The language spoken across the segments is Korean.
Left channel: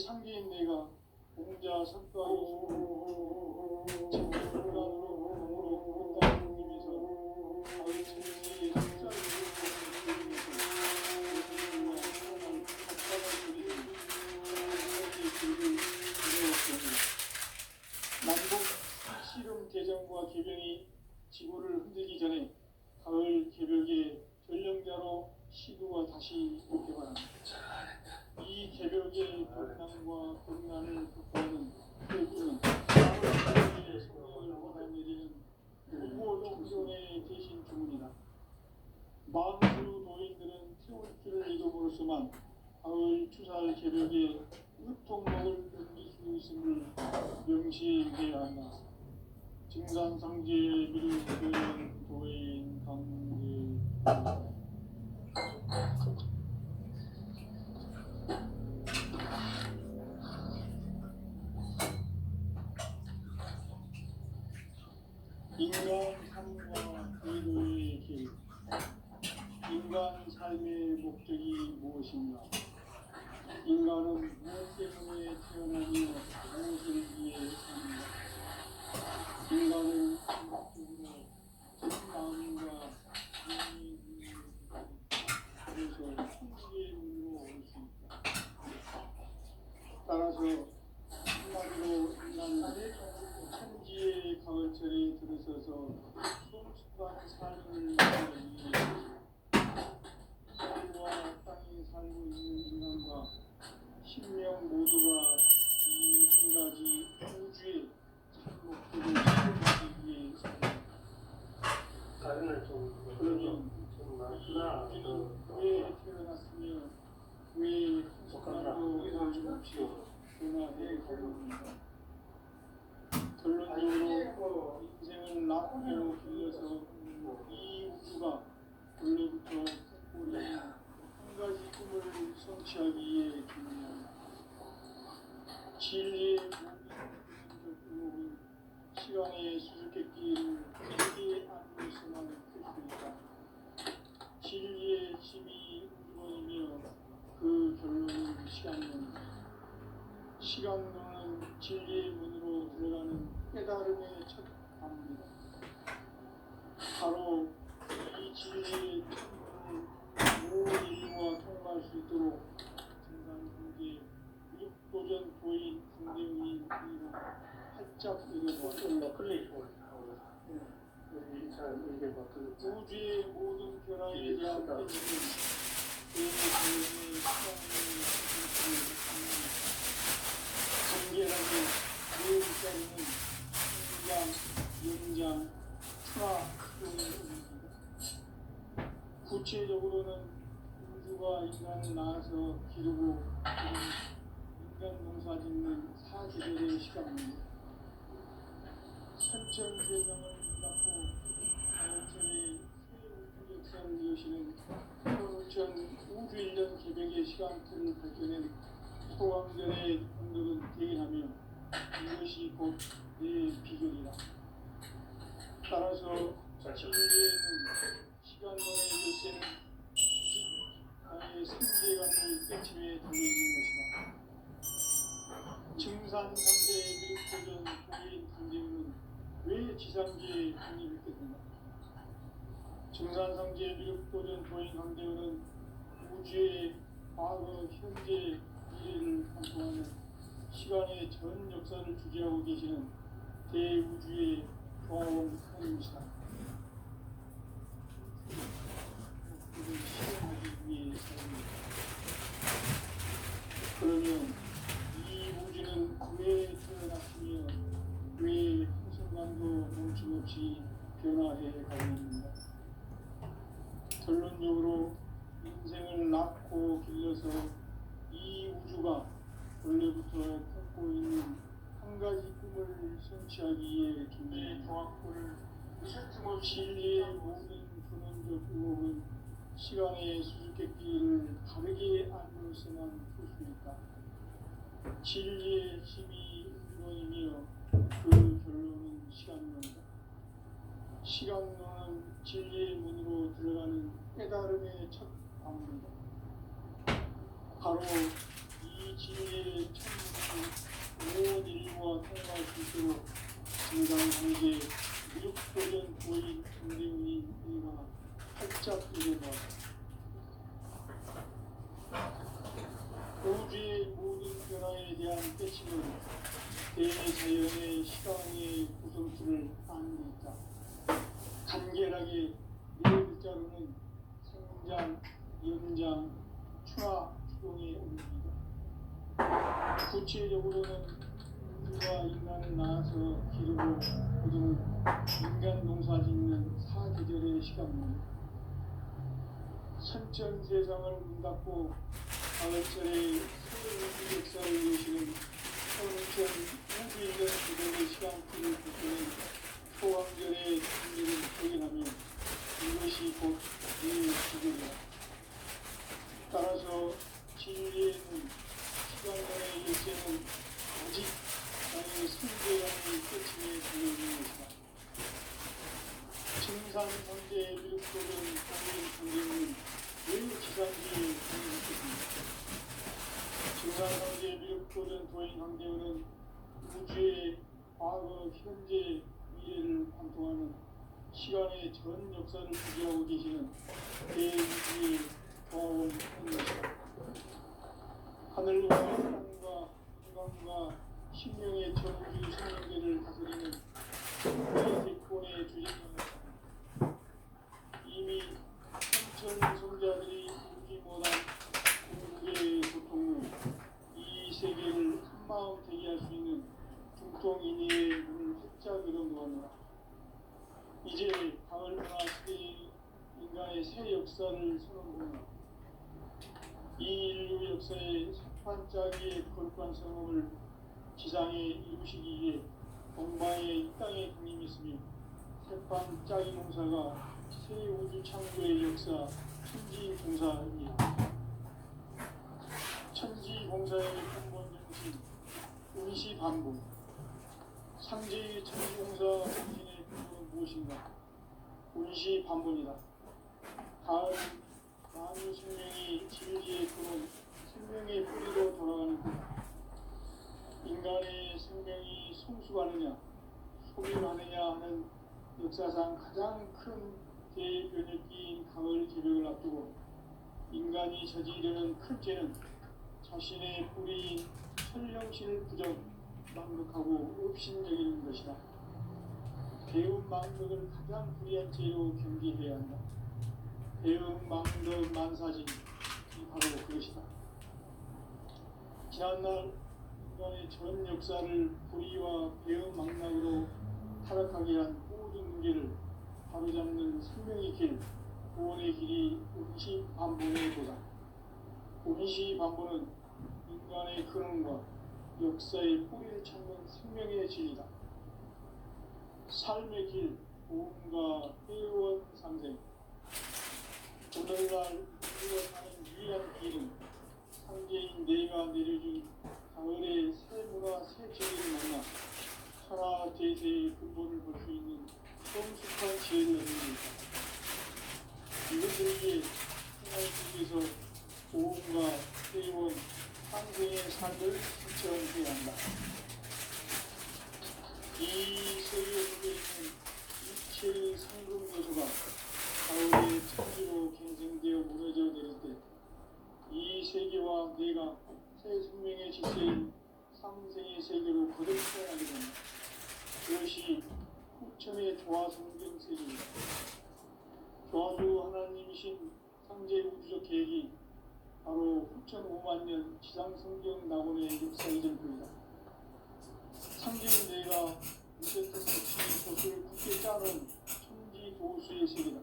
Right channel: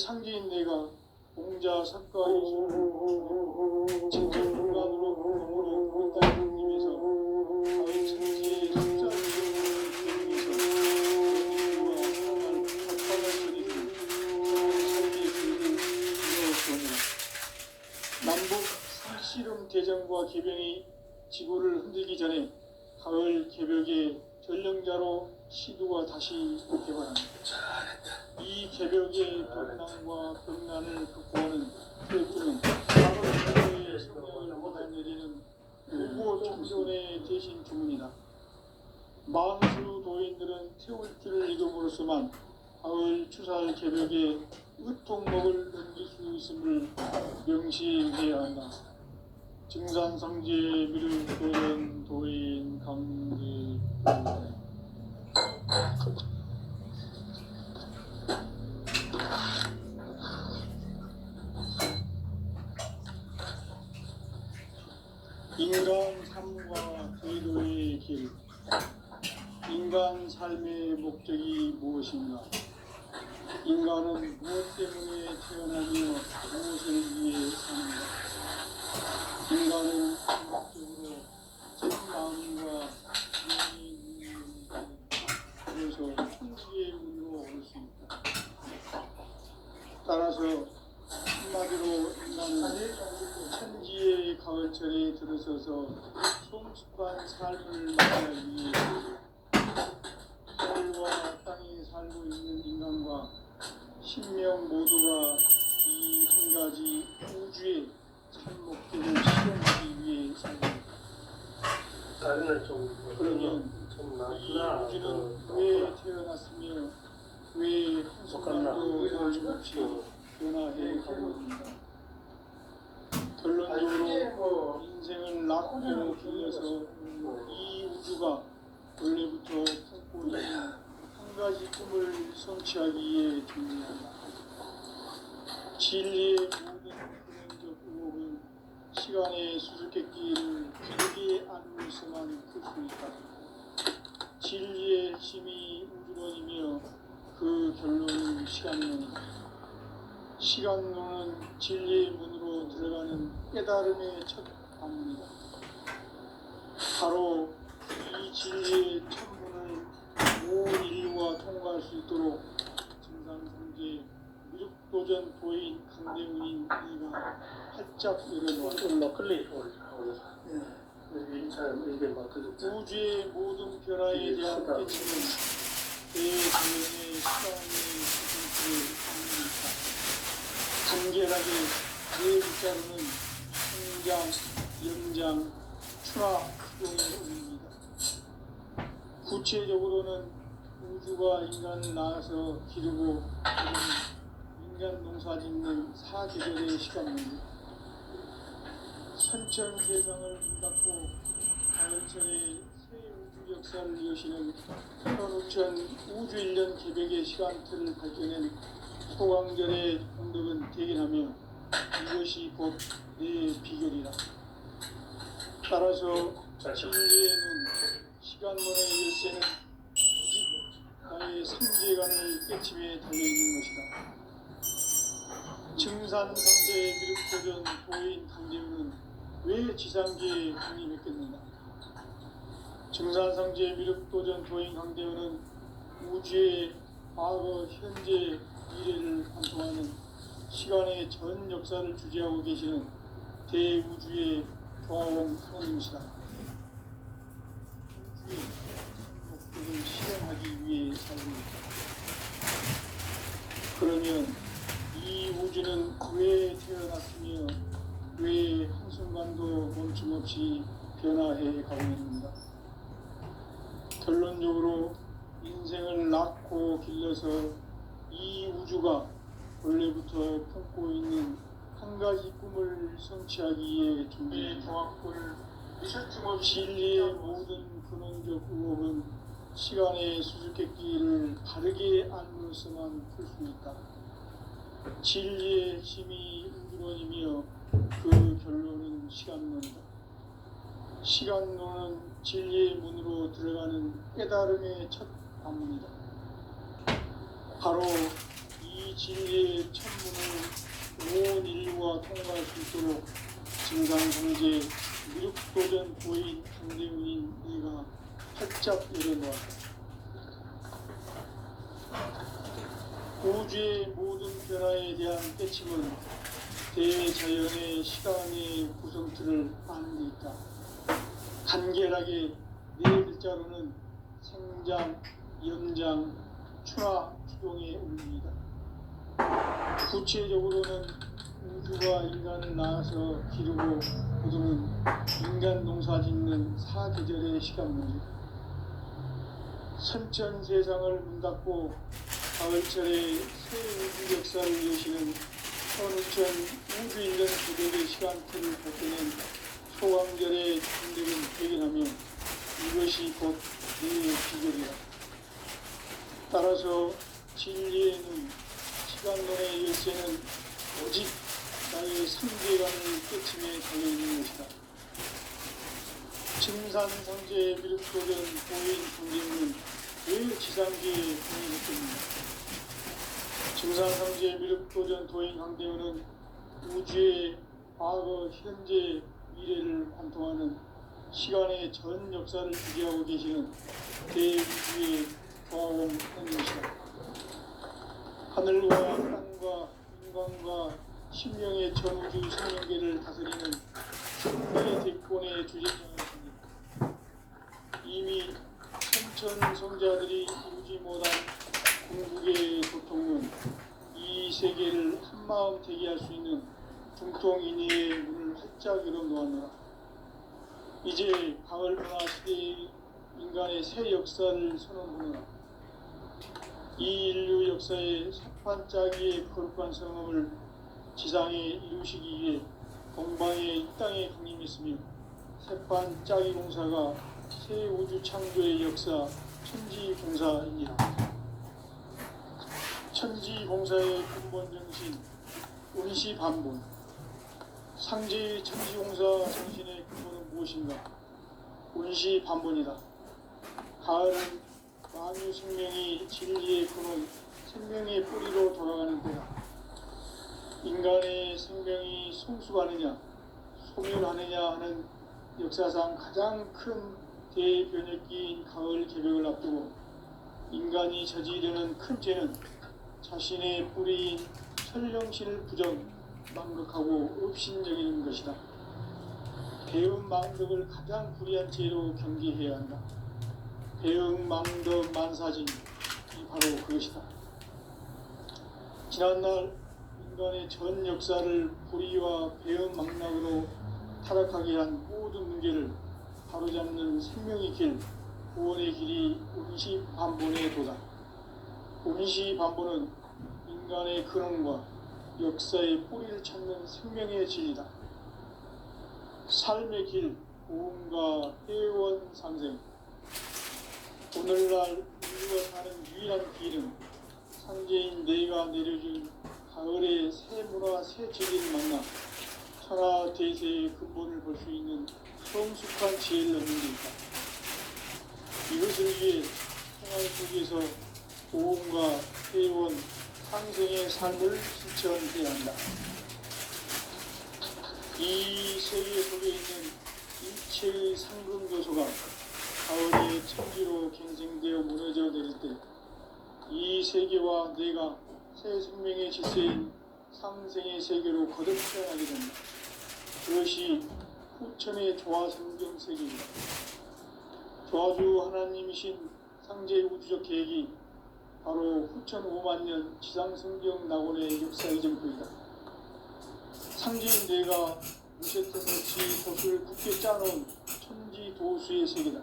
상제인 내가 공자 석가이술 직접분간으로 공으로 그릇다는 님에서 가을 천지의 석자를 남북 씨름 대전과 개병이 지구를 흔들기 전에 가을 개벽의 전령자로 시도가 다시 개발합니다. 이 개벽의 벽난과 벽난을 극복하는 태우는 가을의 성령을 받아내리는 후보 총선의 대신 주문이다. 만수 도인들은 태울 줄을 이름으로서만 가을 추살 개벽의 으통목을 넘길 수 있음을 명시해야 한다. 증산성제 밀도는 도인 강제 인간 삶과 의도의 길. 인간 삶의 목적이 무엇인가? 인간은 무엇 때문에 태어나며 무엇을 위해 사는가? 인간은 궁극적으로 제 마음과 그래서 천지의 문으로 올 수 있다. 따라서 한마디로 인간은 천지의 가을철에 들어서서 성숙한 삶을 맞이하기 위해 하늘과 땅에 살고 있는 인간과 신명 모두가 이 한 가지 우주의 참 목적을 실현하기 위해 산다. 그러면 이 우주는 왜 태어났으며 왜 한순간도 거침없이 변화해 가는가? 결론적으로 인생을 낳고 길러서 이 우주가 원래부터 품고 있는 한 가지 꿈을 성취하기 위해 준비한다. 진리의 모든 근원적 의혹은 시간의 수수께끼를 길게 안고서만 풀 수 있다. 진리의 힘이 우주론이며 그 결론은 시간론이다. 시간론은 진리의 문으로 들어가는 깨달음의 첫 방문이다. 바로 이 진리의 첫 문을 온 인류가 통과할 수 있도록 증산성제 무적도전 도인 강대훈인 이가 활짝 열어놓았다. 우주의 모든 변화에 대한 깨침은 대자연의 시간의 간결하게 내 문자는 성장, 연장, 추락, 흑동의 의미입니다. 구체적으로는 우주가 인간을 낳아서 기르고 인간 농사 짓는 사계절의 시간입니다. 선천 세상을 닫고 가을철에 새 우주 역사를 이어시는 15,000 우주 1년 개벽의 시간틀을 밝혀낸 소강절의 공덕은 대견하며 이것이 곧 내 비결이다. 따라서 진리에는 시간론의 열쇠는 오직 나의 상제관을 깨침에 달려있는 것이다. 증산성제 미륵도전 도인 강제훈은 왜 지상계에 독립했겠는가? 증산성제 미륵도전 도인 강제훈은 우주의 과거, 현재, 미래를 관통하는 시간의 전 역사를 주재하고 계시는 대우주의 교황 하나님이시다. 우주의 목적을 실현하기 위해 살입니다. 그러면 이 우주는 왜 태어났으며 왜 한순간도 멈춤없이 변화해 가고 있는가? 결론적으로 인생을 낳고 길러서 이 우주가 원래부터 품고 있는 한 가지 꿈을 성취하기 위해 준비의 종합부를 진리의 모든 근원적 의혹은 시간의 수수께끼를 바르게 안으로서만 풀 수 있다. 진리의 힘이 우주론이며 그 결론은 시간론이다. 시간론은 진리의 문으로 들어가는 깨달음의 첫 방문이다. 바로 이 진리의 첫 진호, 진상성제, 무력도전 고인 강대훈인 네가 활짝 일어나 우주의 모든 변화에 대한 깨침은 대자연의 시간의 구성틀을 아는 데 있다. 간결하게 네 글자로는 생장, 연장, 추나 추동의 의미이다. 구체적으로는 우주가 인간을 낳아서 기르고 거두는 인간 농사 짓는 사계절의 시간 문제다. 선천 세상을 문 닫고 가을철에 새 우주 역사를 여시는 선천 우주 인간 기록의 시간틀을 바꾸는 소강절의 천대를 발견하며 이것이 곧 인류의 기적이다. 따라서 진리의 눈, 시간론의 열쇠는 오직 나의 상대감의 깨침에 달려있는 것이다. 증산성제의 미륵도전 고인 강대훈은 왜 지상기에 보내졌겠는가? 증산성제의 미륵도전 도인 강대훈은 우주의 과거, 현재, 미래를 관통하는 시간의 전 역사를 주재하고 계시는 대우주의 조화원인 것이다. 하늘과 땅과 인간과 신명의 전우주 생명계를 다스리는 생명의 대권의 주제자이십니다. 이미 천천성자들이 이루지 못한 궁극의 고통은 이 세계를 한마음 되게 할 수 있는 중통인의의 문을 활짝 열어놓았노라. 이제 가을문화 시대의 인간의 새 역사를 선언하노라. 이 인류 역사의 석판짜기의 거룩한 성함을 지상에 이루시기 위해 건방에 이 땅에 강림했으며 석판짜기 공사가 새 우주 창조의 역사 천지공사입니다. 천지공사의 근본 정신 운시반본. 상제의 천지공사 정신의 근본은 무엇인가? 운시반본이다. 가을은 만유 생명이 진리의 근원, 생명의 뿌리로 돌아가는 때다. 인간의 생명이 성숙하느냐, 소멸하느냐 하는 역사상 가장 큰 대변혁기인 가을 개벽을 앞두고 인간이 저지르는 큰 죄는 자신의 뿌리인 천령신을 부정, 망극하고 업신여기는 것이다. 배움 망덕을 가장 불의한 죄로 경계해야 한다. 배움 망덕 만사진이 바로 그것이다. 지난날 인간의 전 역사를 불의와 배움 망락으로 타락하게 한 모든 문제를 바로잡는 생명의 길, 구원의 길이 운시반본의 도다. 운시반본은 인간의 근원과 역사의 뿌리를 찾는 생명의 진리다. 삶의 길, 고음과 회원 상생. 오늘날 우리가 가는 유일한 길은 상제인 내가 내려준 가을의 새 문화, 새 진리를 만나 천하 대세의 근본을 볼 수 있는 성숙한 지혜를 얻는 것이다. 이것을 위해 생활 속에서 고음과 회원, 상생의 삶을 실천해야 한다. 이 세계 속에 있는 일체의 상금교소가 가을의 천지로 갱생되어 무너져 내릴 때 이 세계와 내가 새 생명의 질서인 상생의 세계로 거듭 태어나게 된다. 그것이 후천의 조화성경 세계입니다. 조화주 하나님이신 상제 우주적 계획이 바로 후천 5만 년 지상성경 낙원의 역사 이전부이다. 상제인 내가 무쇠등같이 돛을 굳게 짜놓은 천지 도수의 세계다.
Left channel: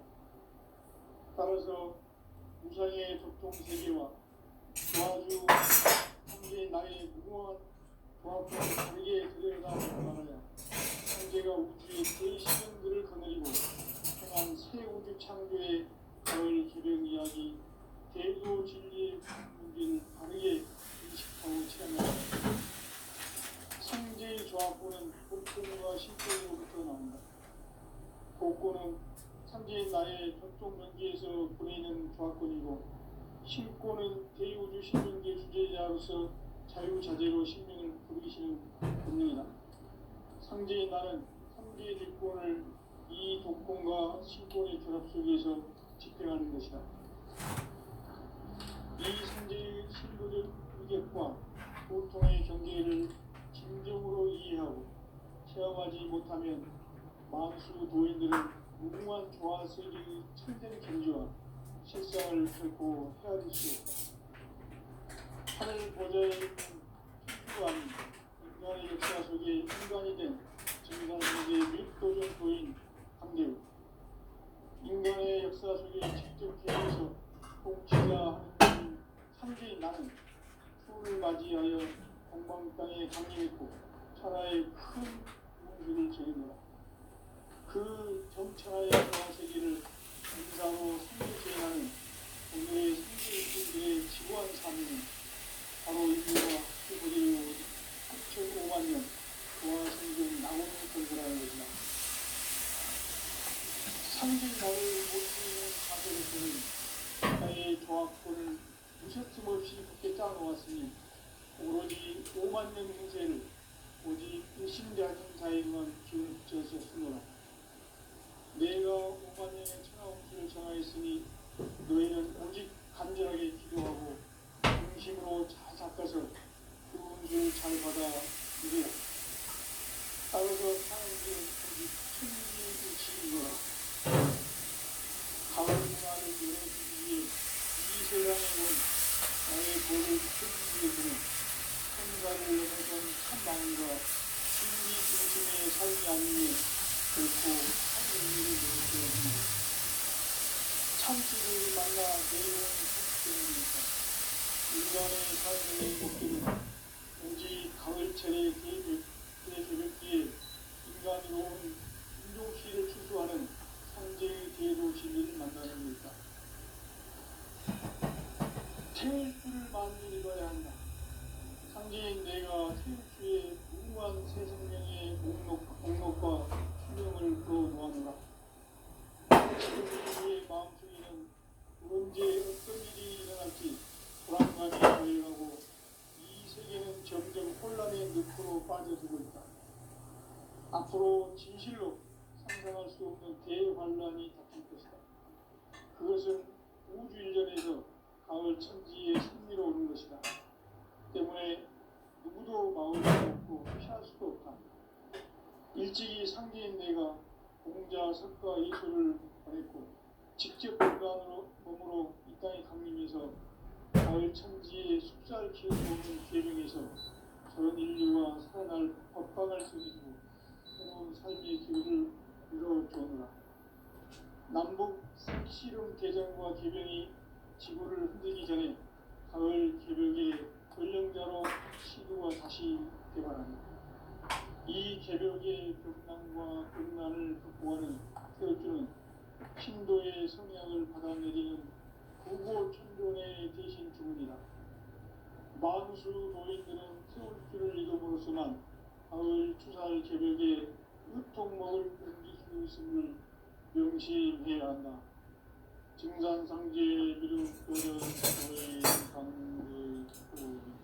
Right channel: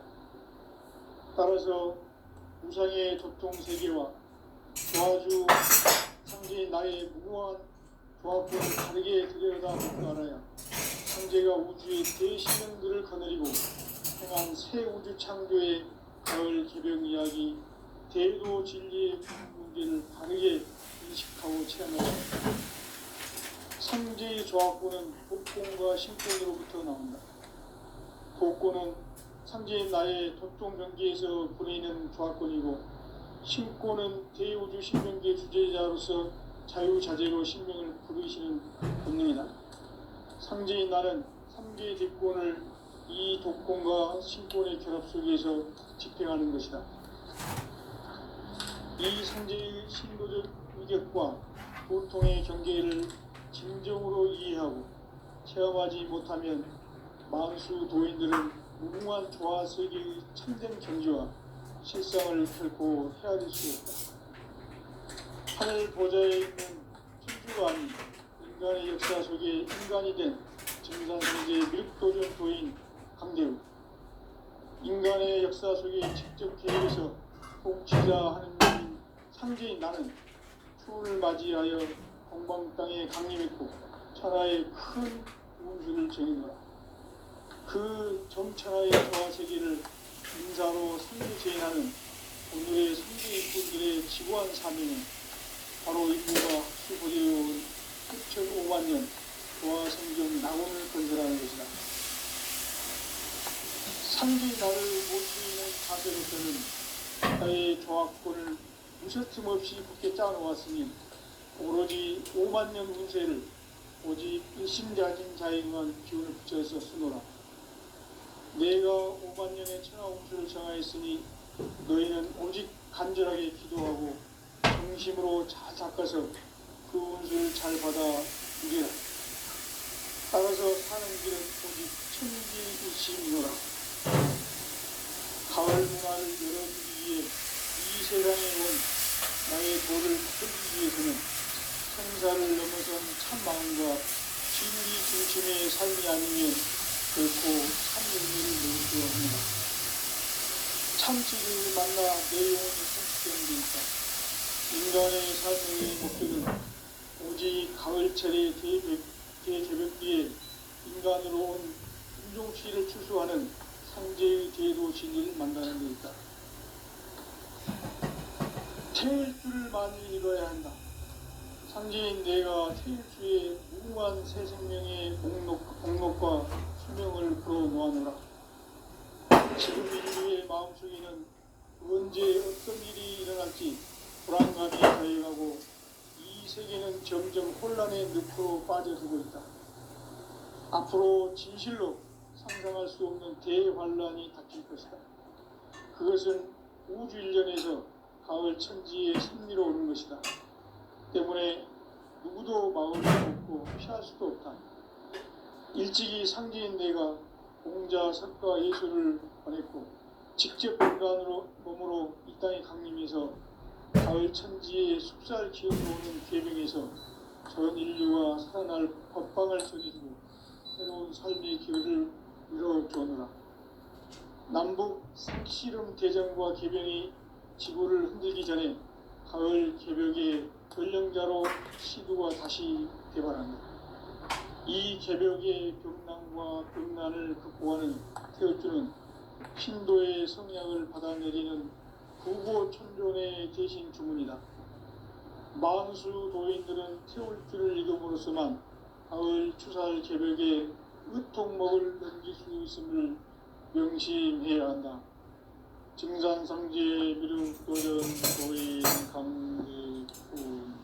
따라서 우상의 도통 세계와 조화주 상제인 나의 무궁한 조합과 다르게 들여다보고 알아야 상제가 우주의 대시명들을 거느리고 행한 새 우주 창조의 가을 개벽 이야기, 대도 진리의 문제를 다르게 인식하고 체험한다. 상제의 조합구는 복권과 신권으로부터 나온다. 복권은 상제인 나의 도통 경계에서 보내는 조합권이고, 신권은 대우주 신명계 주제자로서 자유자재로 신명을 부르시는 본능이다. 상제인 나는 3개 뒷권을 이 독권과 신권의 결합 속에서 집행하는 것이다. 이 상제의 신도적 위격과 고통의 경계를 진정으로 이해하고 체험하지 못하면 만수 도인들은 무궁한 조화세계의 참된 경지와 실상을 결코 헤아릴 수 없다. 하늘 보좌에 있는 천주가 아닌 인간의 역사 속에 인간이 된 증산세계의 밀도전 도인 강대우, 인간의 역사 속에 직접 개입해서 통치자 하는 상제인 나는 추운을 맞이하여 동방 땅에 강림했고 천하의 큰 운수를 정했노라. 그 정천하의 조화세계를 인사로 상주제인하는 오늘의 상제인분들의 지구한 사명은 바로 인류가 수고되어 9,500만 년 조화 생존 낙원을 건설하는 것이다. 상제인 나를 못 수 있는 자세로서는 나의 조화권을 무쇠틈 없이 굳게 짜놓았으니 오로지 5만 년 운세를 오직 일심자진 자에게만 기운을 붙여서 쓰노라. 내가 5만 년의 천하 운수를 정하였으니 너희는 오직 간절하게 기도하고 중심으로 잘 닦아서 그 운수를 잘 받아 누리라. 따라서 사는 길은 오직 천지일심이노라. 가을 문화를 열어주기 위해 이 세상에 온 나의 도를 펴주기 위해서는 생사를 넘어선 참마음과 진리 중심의 삶이 아니면 결코 참의미를 누릴 수 없습니다. 참치를 만나 내려온 성격입니다. 인간의 삶의 목표는 오직 가을철의 대제벽비에 인간으로 온 인종시를 추수하는 상제의 대도 진리를 만나는 것이다. 태일주를 많이 이뤄야 한다. 상제인 내가 태일주의 무궁한 새 생명의 공록과 수명을 불어모아노라. 지금 인류의 마음속에는 언제 어떤 일이 일어날지 불안감이 더해가고 이 세계는 점점 혼란의 늪으로 빠져들고 있다. 앞으로 진실로 상상할 수 없는 대환란이 닥칠 것이다. 그것은 우주 일련에서 가을 천지의 승리로 오는 것이다. 때문에 누구도 막을 수 없고 피할 수도 없다. 일찍이 상제인 내가 공자, 석가, 예수를 보냈고 직접 인간으로 몸으로 이 땅에 강림해서 가을 천지의 숲살 기어오는 계명에서 전 인류가 살아날 법방을 서기고 새로운 삶의 기회를 이뤄주오노라. 남북 색시름 대전과 개병이 지구를 흔들기 전에 가을 개벽의 전령자로 시도가 다시 개발한다. 이 개벽의 병난과 병난을 극복하는 태울주는 신도의 성향을 받아내리는 부고천존의 대신 주문이다. 만수 도인들은 태울주를 이름으로서만 가을 추살 개벽에 의통목을 넘길 수 있음을 명심해야 한다. 증산상제 미륵도전 도인 강대훈.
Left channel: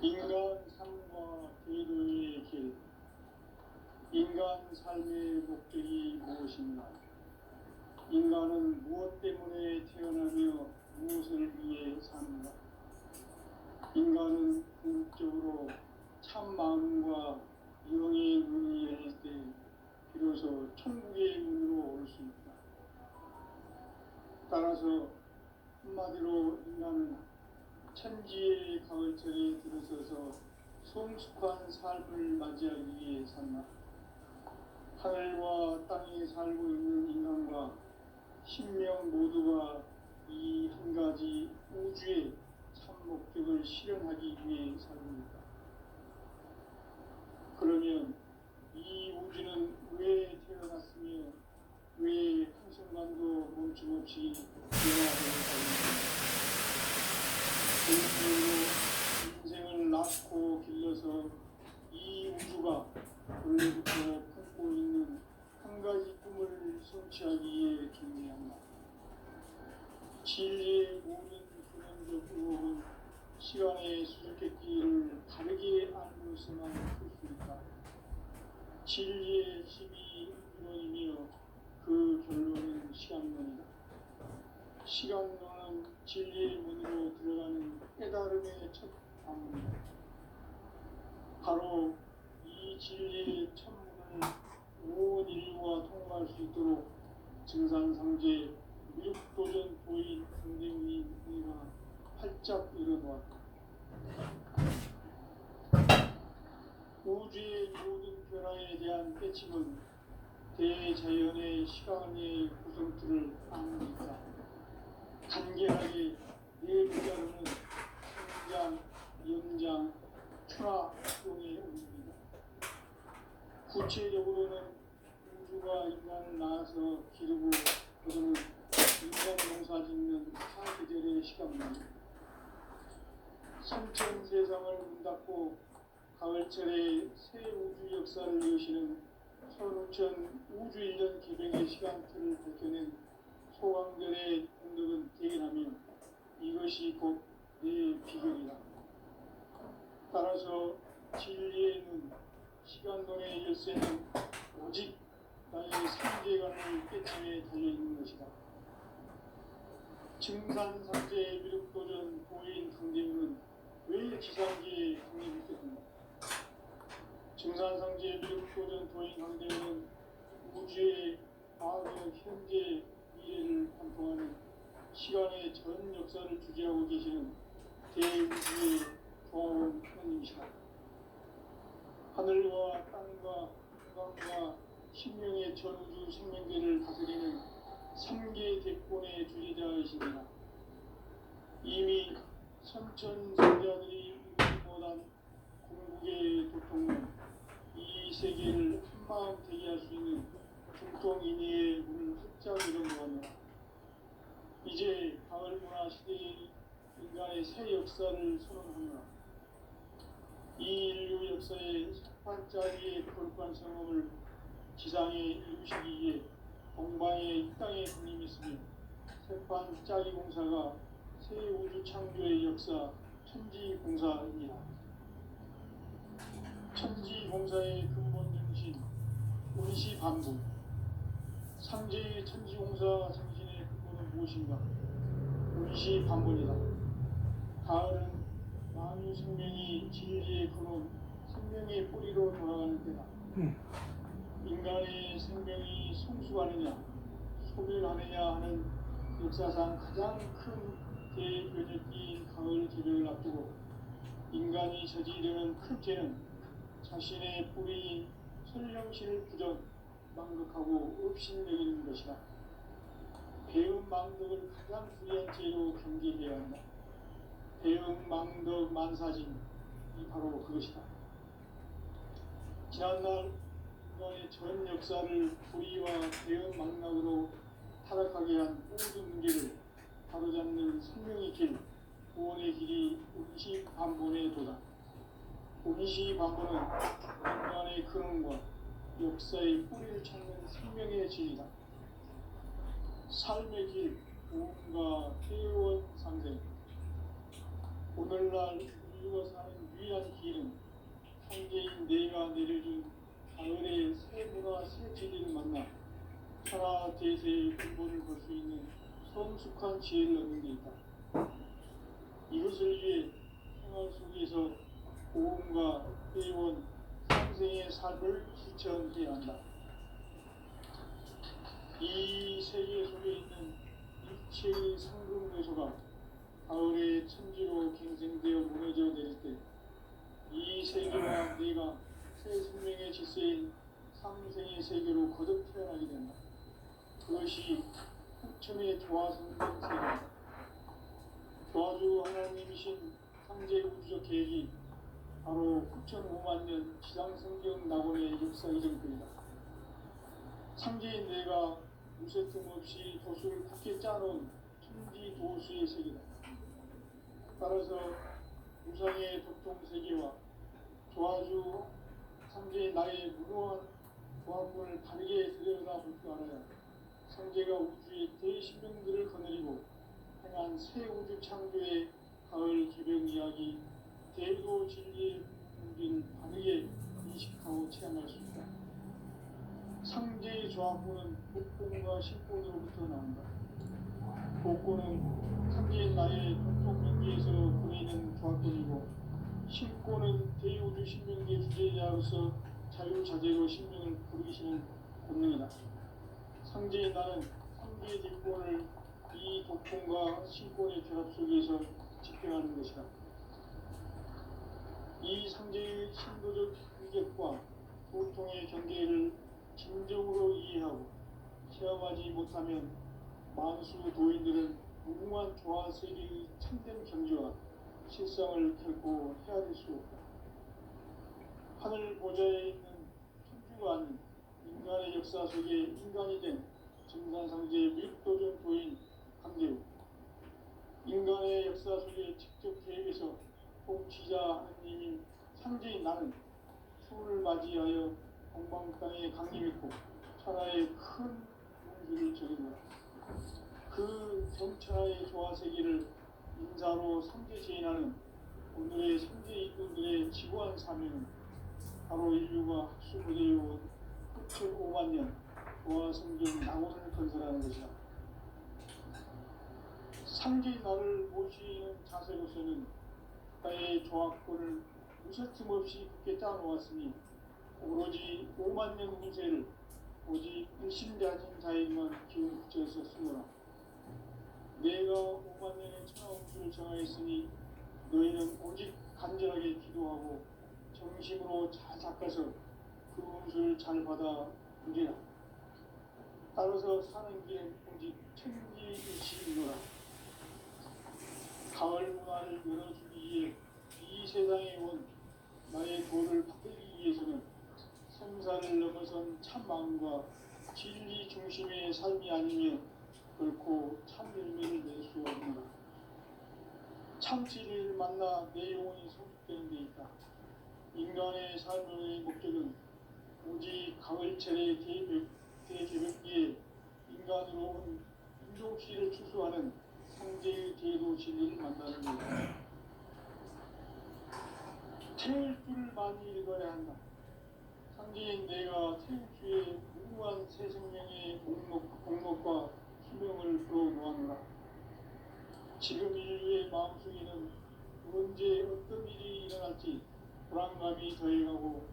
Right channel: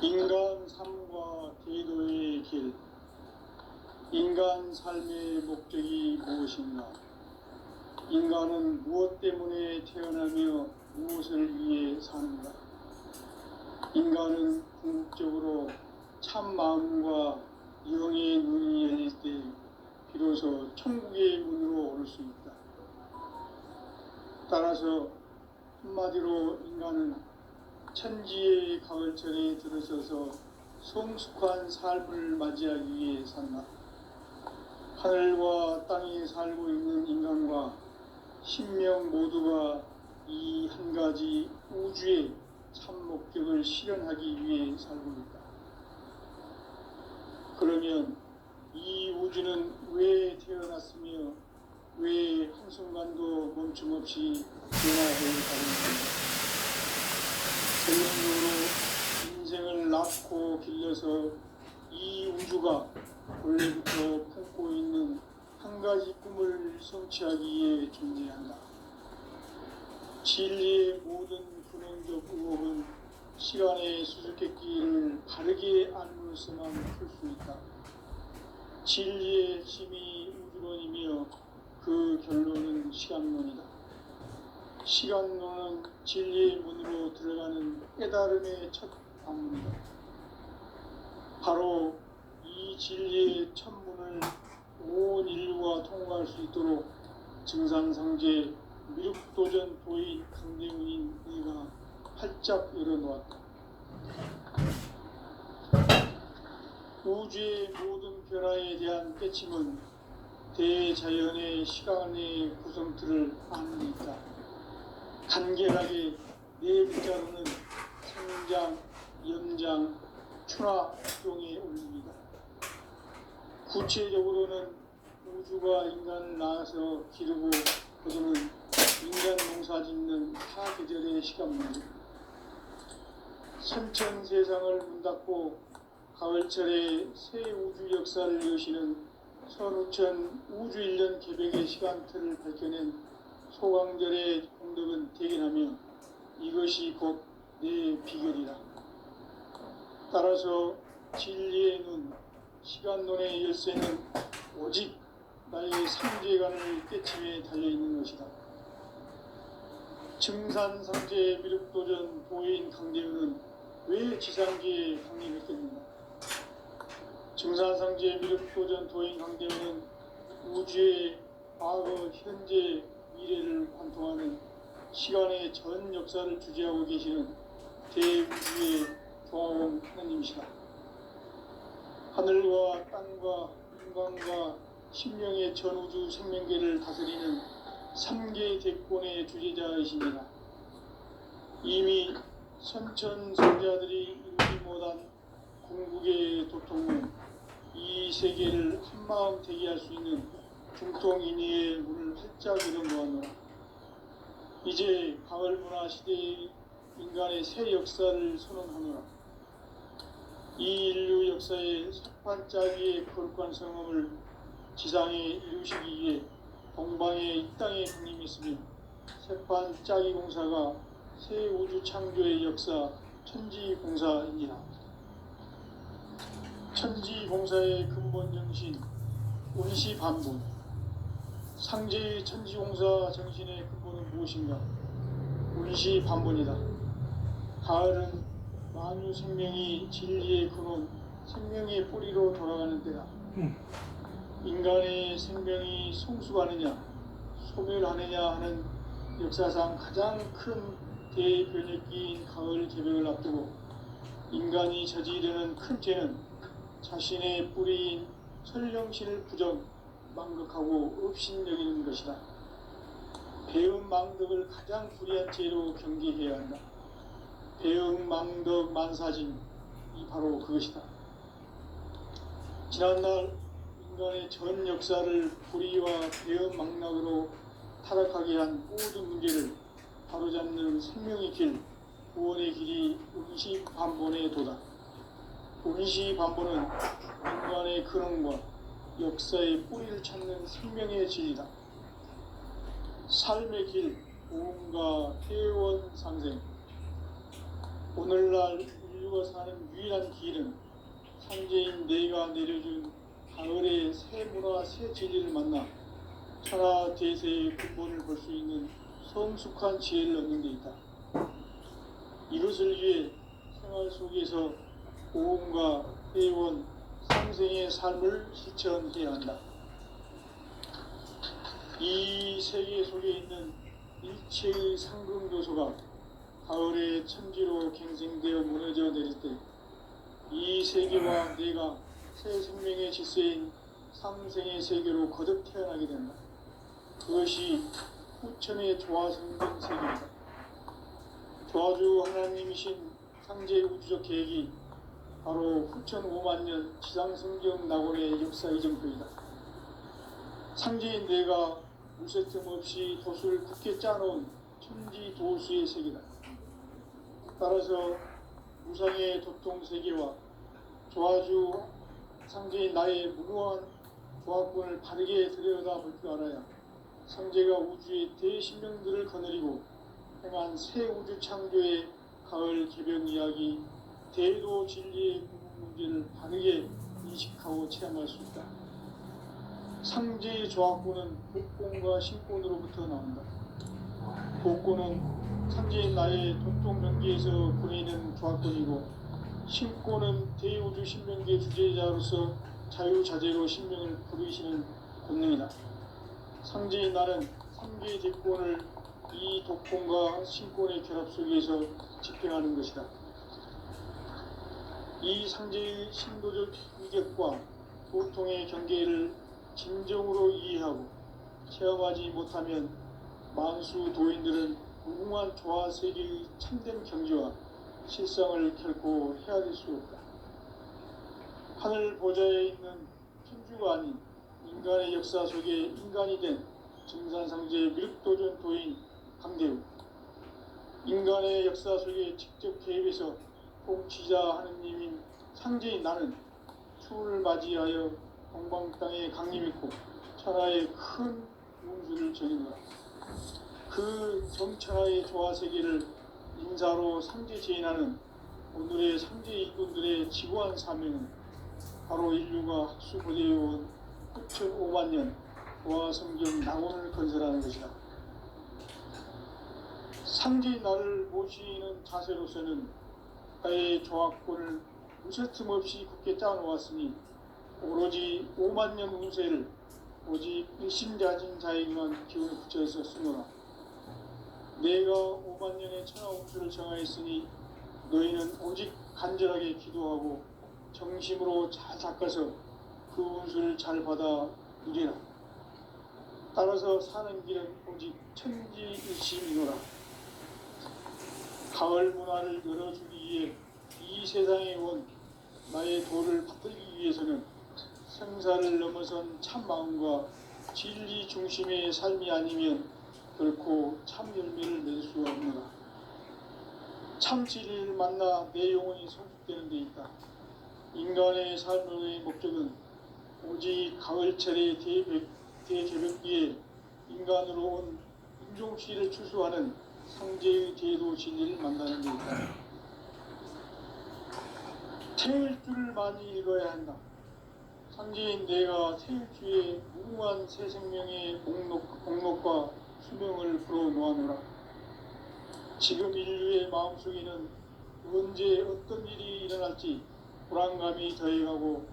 인간 삶과 제도의 길. 인간 삶의 목적이 무엇인가? 인간은 무엇 때문에 태어나며 무엇을 위해 사는가? 인간은 궁극적으로 참 마음과 영의 눈이 열릴 때 비로소 천국의 문으로 오를 수 있다. 따라서 한마디로 인간은 천지의 가을철에 들어서서 성숙한 삶을 맞이하기 위해 산다. 하늘과 땅에 살고 있는 인간과 신명 모두가 이 한 가지 우주의 참 목적을 실현하기 위해 살고 있다. 그러면 이 우주는 왜 태어났으며 왜 한순간도 멈춤없이 변화해 가는가? 인생을 낳고 길러서 이 우주가 원래부터 품고 있는 한 가지 꿈을 성취하기 위해 존재한다. 진리의 모든 근원적 의혹은 시간의 수수께끼를 바르게 알므로서만 풀 수 있다. 진리의 핵심이 우주론이며 그 결론은 시간론이다. 시간론은 진리의 문으로 들어가는 깨달음의 첫 방문이다. 바로 이 진리의 첫 문을 온 인류가 통과할 수 있도록 증산상제 미륵도전 도인 강대문인 네가 활짝 열어놓았다. 우주의 모든 변화에 대한 깨침은 대자연의 시간의 구성틀을 아는 데 있다. 간결하게 네 글자로는 성장, 연장, 추락 등에 올립니다. 구체적으로는 우주가 인간을 낳아서 기르고 거두는 인간 농사 짓는 사계절의 시간입니다. 선천 세상을 문 닫고 가을철에 새 우주 역사를 여시는 선우천 우주 1년 개백의 시간틀을 밝혀낸 소강절의 공덕은 대견하며 이것이 곧 내 비결이다. 따라서 진리의 눈, 시간론의 열쇠는 오직 나의 상제관을 깨침에 달려있는 것이다. 증산상제 미륵도전 도인 강대우는 왜 지상계에 강림했겠는가? 증산상제 미륵도전 도인 강대우는 우주의 과거, 현재, 미래를 관통하는 시간의 전 역사를 주재하고 계시는 대우주의 조화원 하나님이시다. 하늘과 땅과 인간과 신명의 전우주 생명계를 다스리는 3계 대권의 주재자이십니다. 이미 선천성자들이 이루지 못한 궁극의 도통은 이 세계를 한마음 되게 할 수 있는 중통인의의 문을 활짝 열어놓았노라. 이제 가을 문화 시대의 인간의 새 역사를 선언하노라. 이 인류 역사의 석판짜기의 거룩한 성험을 지상에 이루시기 위해 동방의 이 땅에 군림했으며 석판짜기 공사가 새 우주 창조의 역사 천지공사입니다. 천지공사의 근본 정신 운시반본. 상제의 천지공사 정신의 근본은 무엇인가? 운시반본이다. 가을은 만유 생명이 진리의 근원, 생명의 뿌리로 돌아가는 때다. 인간의 생명이 성숙하느냐, 소멸하느냐 하는 역사상 가장 큰 대변혁기인 가을 개벽을 앞두고 인간이 저지르는 큰 죄는 자신의 뿌리인 설령신을 부정, 망극하고 업신여기는 것이다. 배음 망덕을 가장 불의한 죄로 경계해야 한다. 배음 망덕 만사진, 이 바로 그것이다. 지난날 인간의 전 역사를 불의와 배음 망락으로 타락하게 한 모든 문제를 바로잡는 생명의 길, 구원의 길이 운시반본에 도다. 운시반본은 인간의 근원과 역사의 뿌리를 찾는 생명의 진리다. 삶의 길, 보험과 회원 상생. 오늘날 인류가 사는 유일한 길은 상제인 내가 내려준 가을의 새 문화 새 진리를 만나 천하 대세의 근본을 볼 수 있는 성숙한 지혜를 얻는 데 있다. 이것을 위해 생활 속에서 보험과 회원, 상생의 삶을 실천해야 한다. 이 세계 속에 있는 일체의 상승요소가 가을의 천지로 갱생되어 무너져 내릴 때 이 세계와 내가 새 생명의 질서인 삼생의 세계로 거듭 태어나게 된다. 그것이 후천의 조화성된 세계이다. 조화주 하나님이신 상제 우주적 계획이 바로 후천 5만 년 지상성경 낙원의 역사 이정표이다. 상제인 내가 무쇠 틈 없이 돛을 굳게 짜놓은 천지 도수의 세계다. 따라서 무상의 도통 세계와 조화주 상제인 나의 무궁한 조합군을 바르게 들여다볼 줄 알아야 성제가 우주의 대신명들을 거느리고 행한 새 우주 창조의 가을 개벽 이야기, 대도 진리의 문제를 바르게 인식하고 체험할 수 있다. 상제의 조합구는 복권과 신권으로부터 나온다. 복권은 상제인 나의 동쪽 명기에서 보이는 조합권이고, 신권은 대우주 신명기의 주제자로서 자유자재로 신명을 부르시는 권능이다. 상제인 나는 상계의 대권을 이 독권과 신권의 결합 속에서 집행하는 것이다. 이 상제의 신도적 위격과 고통의 경계를 진정으로 이해하고 체험하지 못하면 만수 도인들은 무궁한 조화 세계의 참된 경지와 실상을 결코 헤아릴 수 없다. 하늘 보좌에 있는 천주가 아닌 인간의 역사 속에 인간이 된 증산상제의 미륵도전 도인 강대우, 인간의 역사 속에 직접 개입해서 통치자 하느님인 상제인 나는 추운을 맞이하여 동방 땅에 강림했고 천하의 큰 운수를 정했노라. 그 정천하의 조화 세계를 인사로 상제 제인하는 오늘의 상제 일꾼들의 지구한 사명은 바로 인류가 학수고대해온 9,500만 년 조화 성경 낙원을 건설하는 것이다. 상제인 나를 모시는 자세로서는 나의 조합권을 무쇠틈 없이 굳게 짜놓았으니 오로지 5만 년 운세를 오직 일심자진 자에게만 기운을 붙여서 쓰노라. 내가 5만 년의 천하 운수를 정하였으니 너희는 오직 간절하게 기도하고 정심으로 잘 닦아서 그 운수를 잘 받아 누리라. 따라서 사는 길은 오직 천지일심이노라. 가을 문화를 열어주기 위해 이 세상에 온 나의 도를 받들기 위해서는 생사를 넘어선 참마음과 진리 중심의 삶이 아니면 결코 참 열매를 낼 수 없노라. 참 진리를 만나 내 영혼이 성숙되는 데 있다. 인간의 삶의 목적은 오직 가을철의 대개벽기에 인간으로 온 인종시를 추수하는 상제의 대도 진리를 만나는 데 있다. 태울 줄을 많이 읽어야 한다. 상제인 내가 태울 주에 무궁한 새 생명의 목록과 수명을 풀어놓아노라. 지금 인류의 마음속에는 언제 어떤 일이 일어날지 불안감이 더해가고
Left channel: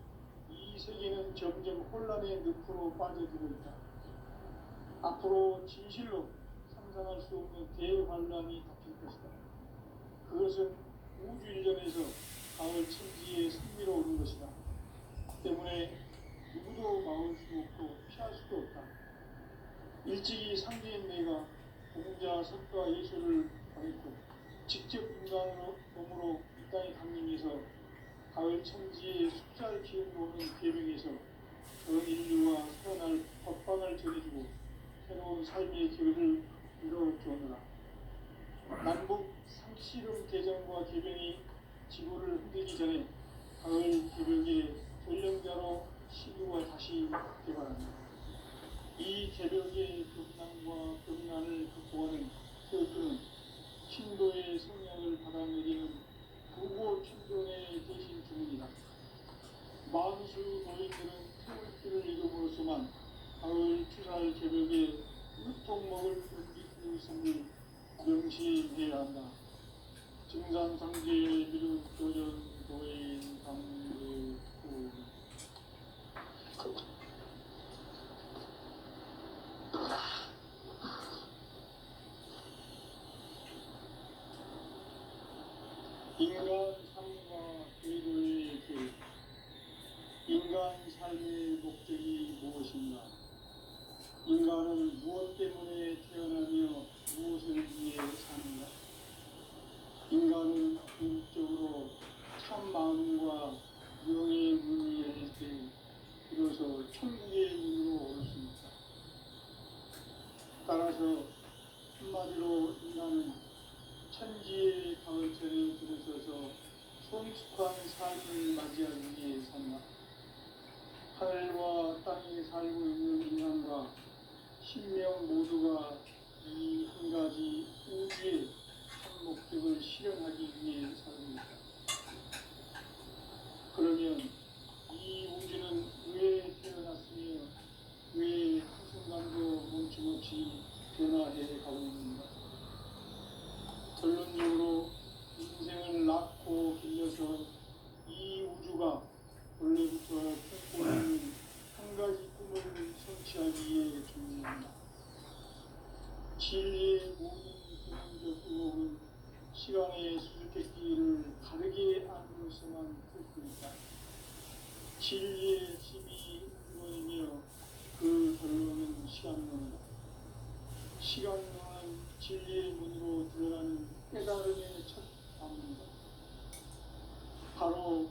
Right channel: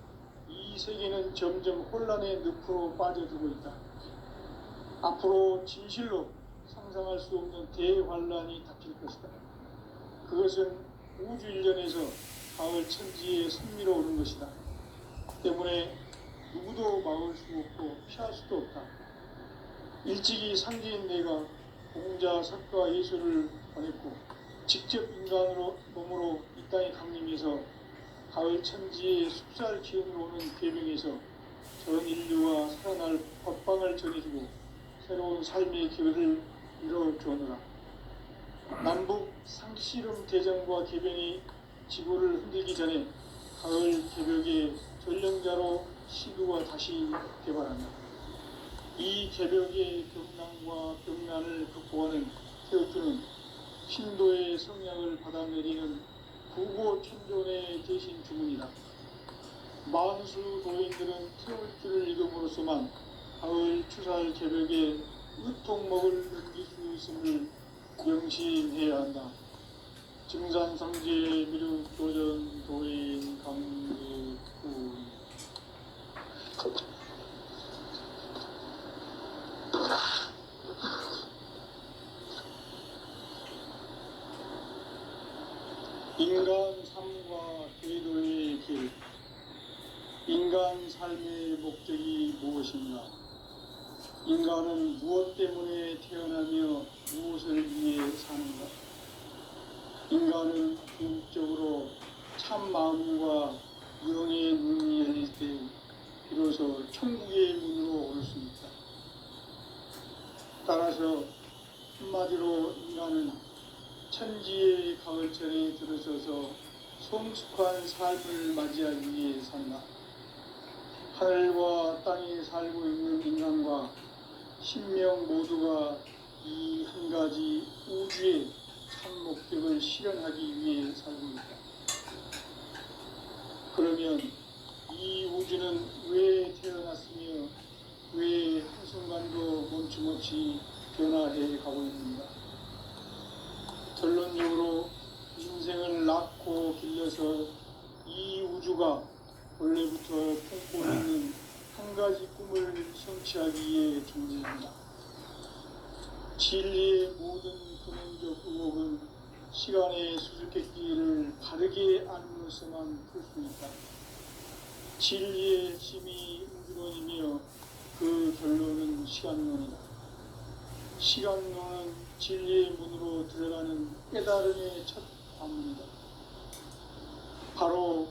이 세계는 점점 혼란의 늪으로 빠져들고 있다. 앞으로 진실로 상상할 수 없는 대환란이 닥칠 것이다. 그것은 우주 일련에서 가을 천지에 승리로오는 것이다. 때문에 누구도 막을 수 없고 피할 수도 없다. 일찍이 상제인 내가 공자, 석가, 예수를 보냈고 직접 인간으로 몸으로 이 땅에 강림해서 가을 천지의 숲살 기운으로 오는 계명에서 전 인류와 살아날 법방을 전해주고 새로운 삶의 기회를 이뤄주었노라. 남북 상씨름 대전과 개병이 지구를 흔들기 전에 가을 개벽의 전령자로 시구가 다시 개발한다. 이 개벽의 경난과 병난을 극복하는 태어주는 신도의 성량을 받아내리는 부고 천존의 대신 주문이다. 만수 도인들은 태어주를 읽음으로써만 가을 추살 개벽의 으통먹을 느낄 수 있음을 명심해야 한다. 증산성제 미륵도전 도인 강대우. 인간 삶과 대도의 길. 인간 삶의 목적이 무엇인가? 인간은 무엇 때문에 태어나며 무엇을 위해 사는가? 인간은 궁극적으로 참 마음과 영의 눈이 열릴 때 비로소 천국의 문으로 올 수 있다. 따라서 한마디로 인간은 천지의 가을철에 들어서서 성숙한 삶을 맞이하기 위해 산다. 하늘과 땅에 살고 있는 인간과 신명 우주의 참 목적을 실현하기 위해 살고 있다. 그러면 이 우주는 왜 태어났으며 왜 한순간도 멈춤없이 변화해 가고 있는가? 결론적으로 인생을 낳고 길러서 이 우주가 원래부터 품고 있는 한 가지 꿈을 성취하기 위해 존재한다. 진리의 모든 근원적 의혹은 시간의 수수께끼를 바르게 안으로서만 풀 수 있다. 진리의 핵심이 우주론이며 그 결론은 시간론이다. 시간론은 진리의 문으로 들어가는 깨달음의 첫 관문이다. 바로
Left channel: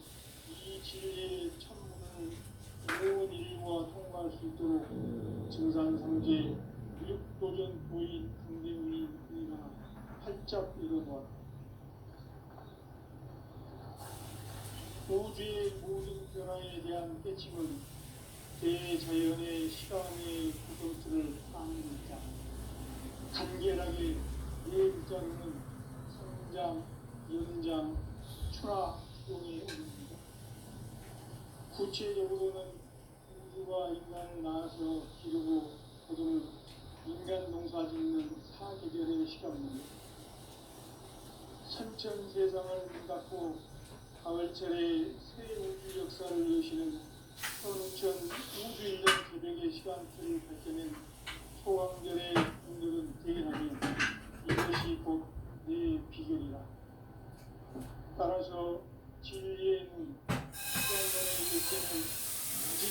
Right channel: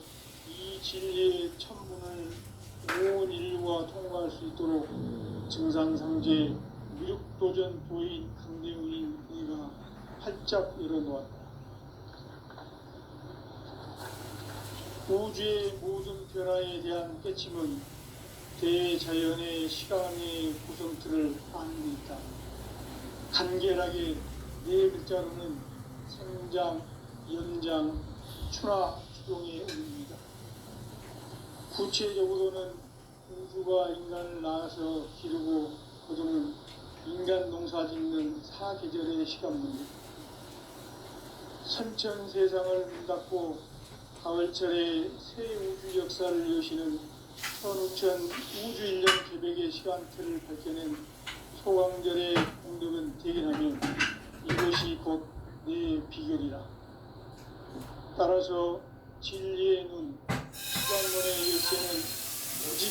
이 진리의 첫문을 온 인류가 통과할 수 있도록 증상상제 미륵도전 도인 강대훈인 그가 활짝 열어놓았다. 우주의 모든 변화에 대한 깨침은 대자연의 시간의 구성틀을 아는 데 있다. 간결하게 네 글자로는 생장, 연장, 추나 추동의 의미입니다. 구체적으로는 우주가 인간을 낳아서 기르고 거두는 인간 농사 짓는 사계절의 시간입니다. 선천 세상을 문 닫고 가을철에 새 우주 역사를 여시는 현우천 우주인력 개백의 시간틀을 밝혀낸 소왕절의 공덕은 대견하며 이것이 곧 내 비결이라. 따라서 진리의 눈, 시간론의 열쇠는 오직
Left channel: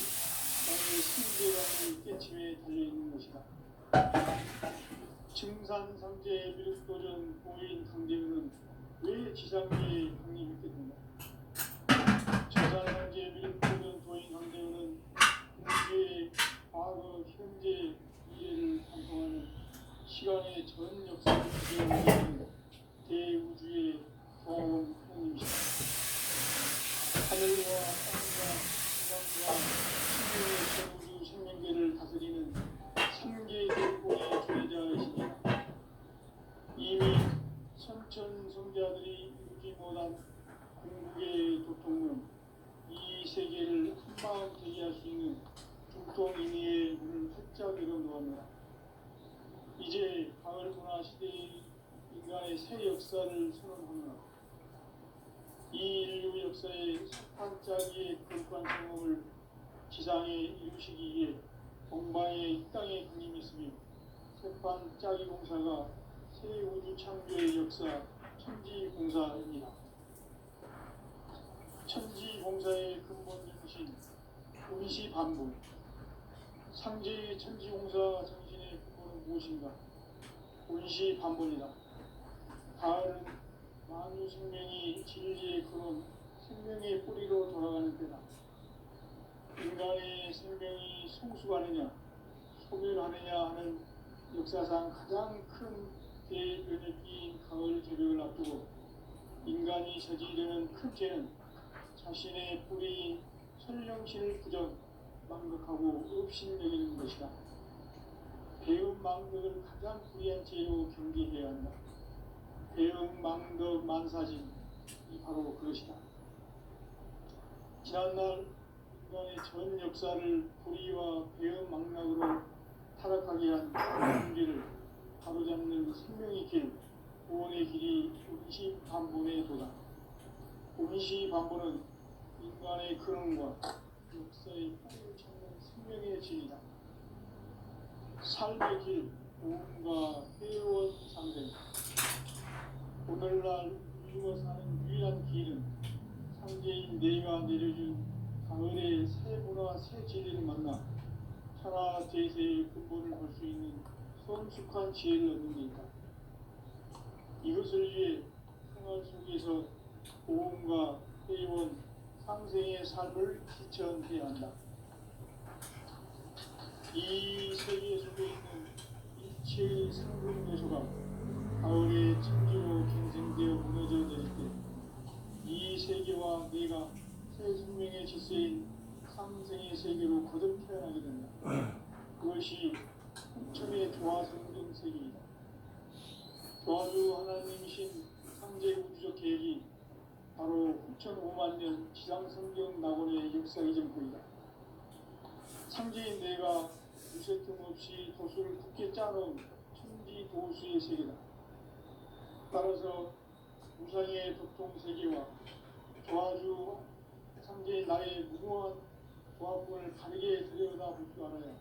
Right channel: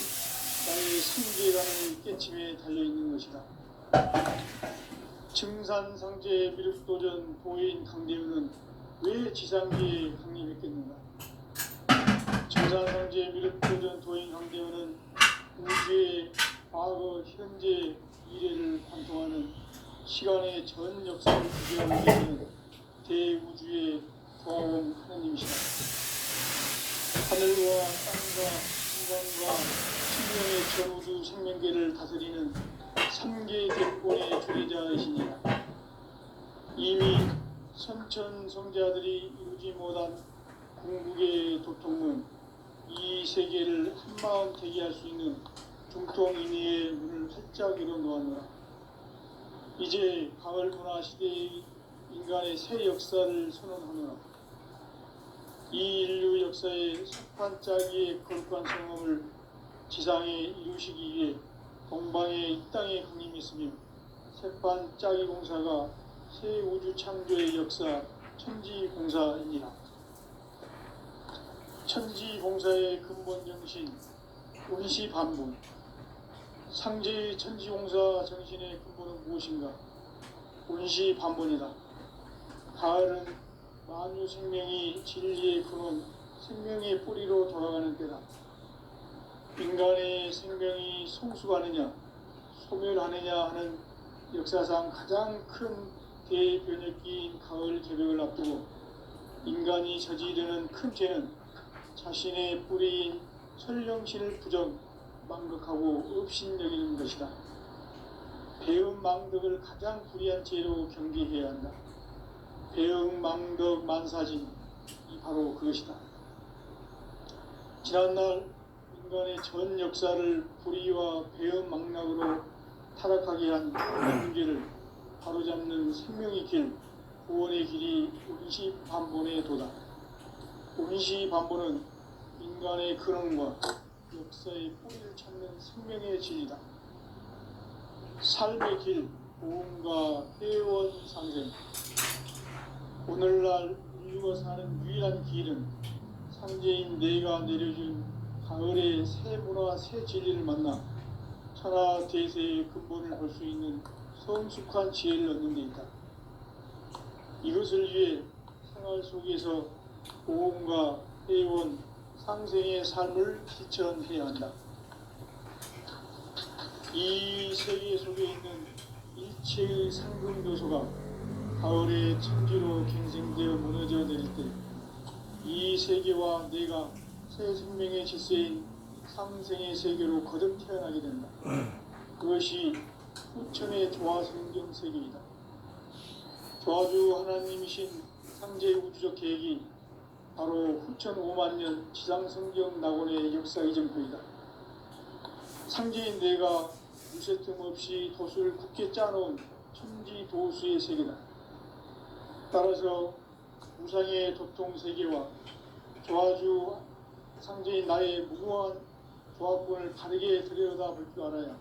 나의 승계라는 깨침에 달려있는 것이다. 증산상제 미륵도전 도인 강대훈은 왜 지상기에 강림했겠는가? 증산상제 미륵도전 도인 강대훈은 우주의 과거, 현재, 미래를 관통하는 시간의 전 역사를 구별하고 있는 대우주의 조화원 하나님이시다. 하늘과 땅과 인간과 sinh命의 전우주 생명계를 다스리는 3계 대권의 주례자이시니라. 이미 선천 성자들이 이루지 못한 궁극의 도통문, 이 세계를 한마음 대기할 수 있는 중통인의의 문을 활짝 열어놓았노라. 이제 가을 문화 시대의 인간의 새 역사를 선언하노라. 이 인류 역사의 석반짜기의 거룩한 성험을 지상에 이루시기 위해 동방의 이 땅에 강림했으며 색반짜기 공사가 새 우주 창조의 역사 천지공사이니라. 천지공사의 근본 정신 운시반분. 상제의 천지공사 정신의 근본은 무엇인가? 운시반분이다. 가을은 만유 생명이 진리의 근원, 생명의 뿌리로 돌아가는 때다. 인간의 생명이 성숙하느냐, 소멸하느냐 하는 역사상 가장 큰 대변혁기인 가을 개벽을 앞두고 인간이 저지르는 큰 죄는 자신의 뿌리인 설령신을 부정, 망덕하고 업신여기는 것이다. 배음 망덕을 가장 불의한 죄로 경계해야 한다. 배음 망덕 만사진이 바로 그것이다. 지난날 인간의 전 역사를 불의와 배음 망락으로 타락하게 한 문제를 바로잡는 생명의 길, 구원의 길이 운시반본의 도다. 운시반본은 인간의 근원과 역사의 뿌리를 찾는 생명의 진리다. 삶의 길, 보험과 회원 상생. 오늘날 인류가 사는 유일한 길은 상제인 내가 내려준 가을의 새 문화, 새 진리를 만나 천하 대세의 근본을 볼 수 있는 성숙한 지혜를 얻는 데 있다. 이것을 위해 생활 속에서 보험과 회원, 상생의 삶을 실천해야 한다. 이 세계 속에 있는 일체의 상금 요소가 가을의 천지로 갱생되어 무너져 내릴 때 이 세계와 내가 새 생명의 질서인 상생의 세계로 거듭 태어나게 된다. 그것이 후천의 조화성경 세계이다. 조화주 하나님이신 상제 우주적 계획이 바로 후천 5만 년 지상성경 낙원의 역사 이전표이다. 상제인 내가 무쇠 틈 없이 도수를 굳게 짜놓은 천지 도수의 세계다. 따라서 우상의 도통 세계와 조화주 상제인 나의 무궁한 조합권을 바르게 들여다볼 줄 알아야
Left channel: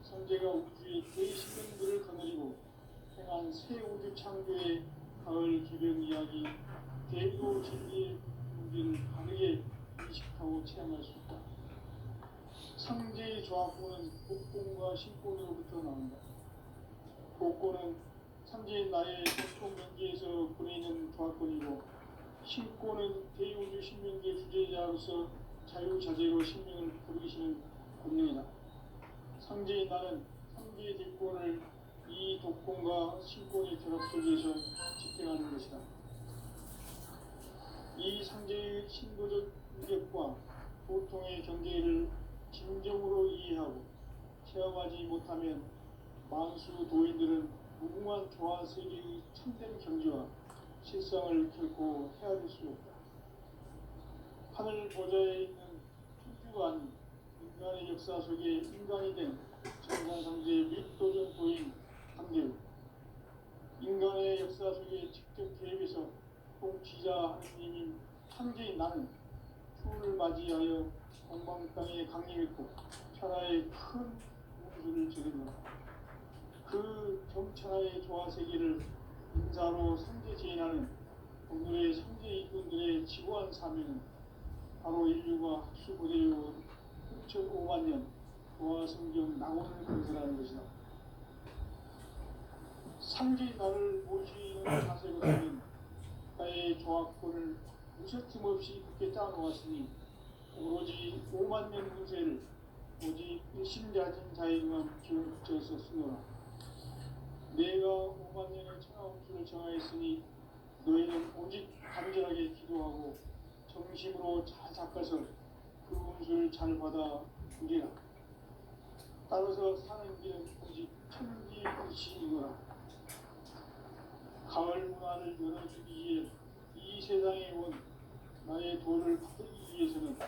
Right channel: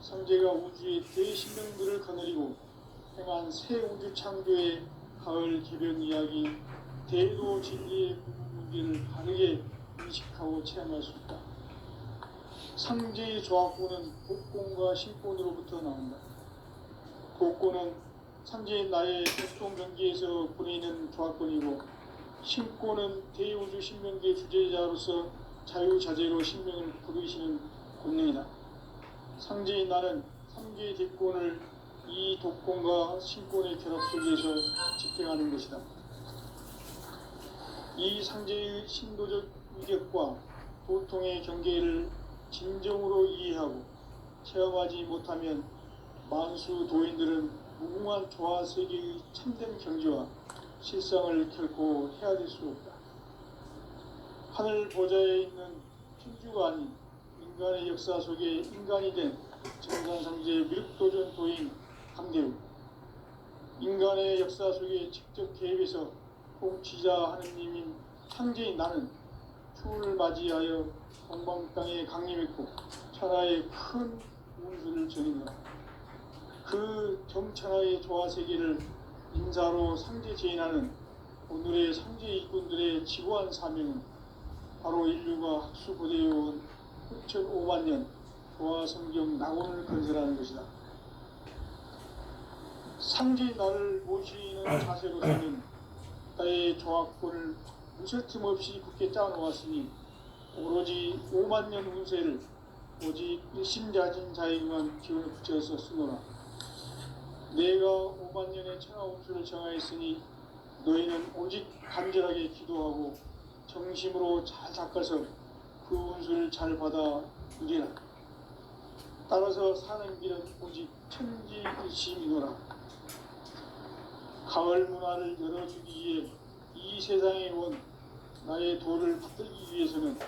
상제가 우주의 대신령들을 거느리고 행한 새 우주 창조의 가을 개변 이야기 대도 진리의 문제를 바르게 인식하고 체험할 수 있다. 상제의 조합권은 곡권과 신권으로부터 나온다. 곡권은 상제인 나의 도통 명기에서 보내는 조합권이고, 신권은 대우주 신명기의 주제자로서 자유자재로 신명을 부르시는 권능이다. 상제인 나는 상제의 뒷권을 이 독권과 신권의 결합 속에서 집행하는 것이다. 이 상제의 신도적 위력과 도통의 경계를 진정으로 이해하고 체험하지 못하면 만수 도인들은 무궁한 조화 세계의 참된 경지와 실상을 결코 헤아릴 수 없다. 하늘 보좌에 있는 천주가 아닌 인간의 역사 속에 인간이 된 천상상제 미륵도전 도인 감대우, 인간의 역사 속에 직접 개입해서 통치자 하느님인 상제인 나는 추운을 맞이하여 동방 땅에 강림했고 천하의 큰 운수를 전했다. 그 정천하의 조화 세계를 인사로 상제 제인하는 오늘의 상제 일꾼들의 지고한 사명은 바로 인류가 학수고대해온 6,5만 년 조화 성경 낙원을 건설하는 것이다. 상제인 나를 모시는 자세로서는 나의 조합권을 무쇠틈 없이 굳게 짜놓았으니 오로지 5만 년 운세를 오직 일심자진 자에게만 기운을 붙여서 쓰노라. 내가 5만 년의 천하 운수를 정하였으니 너희는 오직 간절하게 기도하고 정심으로 잘 닦아서 그 운수를 잘 받아 누리라. 따라서 사는 길은 오직 천지일심이노라. 가을 문화를 열어주기 위해 이 세상에 온 나의 도를 받들기 위해서는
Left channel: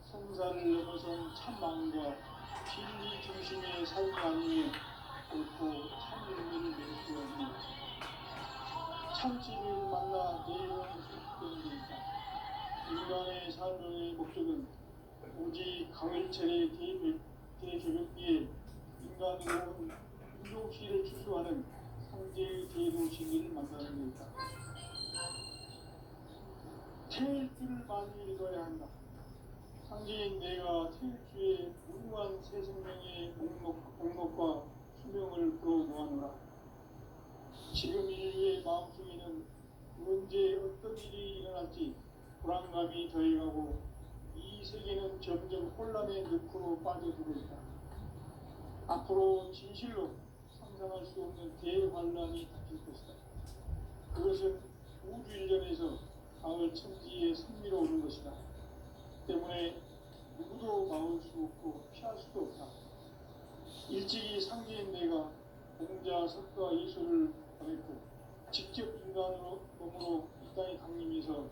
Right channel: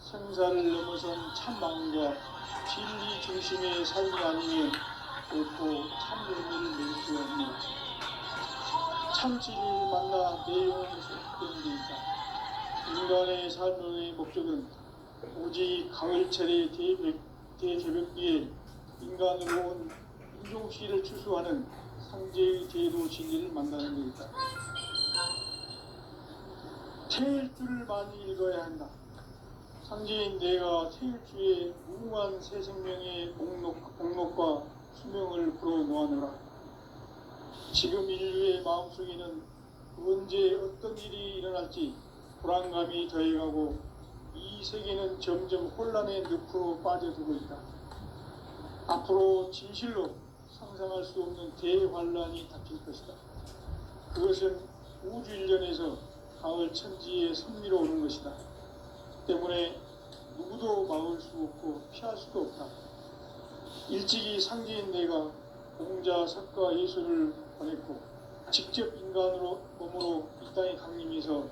생사를 넘어선 참 마음과 진리 중심의 삶이 아니면 결코 참 의미를 누릴 수 없는 참 진리를 만나 내 영혼이 소속되는 데이다. 인간의 삶의 목적은 오직 가을철의 대개벽기에 인간으로 온 인종시를 추수하는 상제의 제도 진리를 만나는 데이다. 태일주를 많이 읽어야 한다. 상제인 내가 태일주의 무궁한 새 생명의 목록과 수명을 불어놓아노라. 지금 인류의 마음속에는 언제 어떤 일이 일어날지 불안감이 더해가고 이 세계는 점점 혼란의 늪으로 빠져들고 있다. 앞으로 진실로 상상할 수 없는 대환란이 닥칠 것이다. 그것은 우주 일련에서 가을 천지의 선미로 오는 것이다. 때문에 누구도 막을 수 없고 피할 수도 없다. 일찍이 상제인 내가 공자, 석가, 예수를 보냈고 직접 인간으로 몸으로 이 땅에 강림해서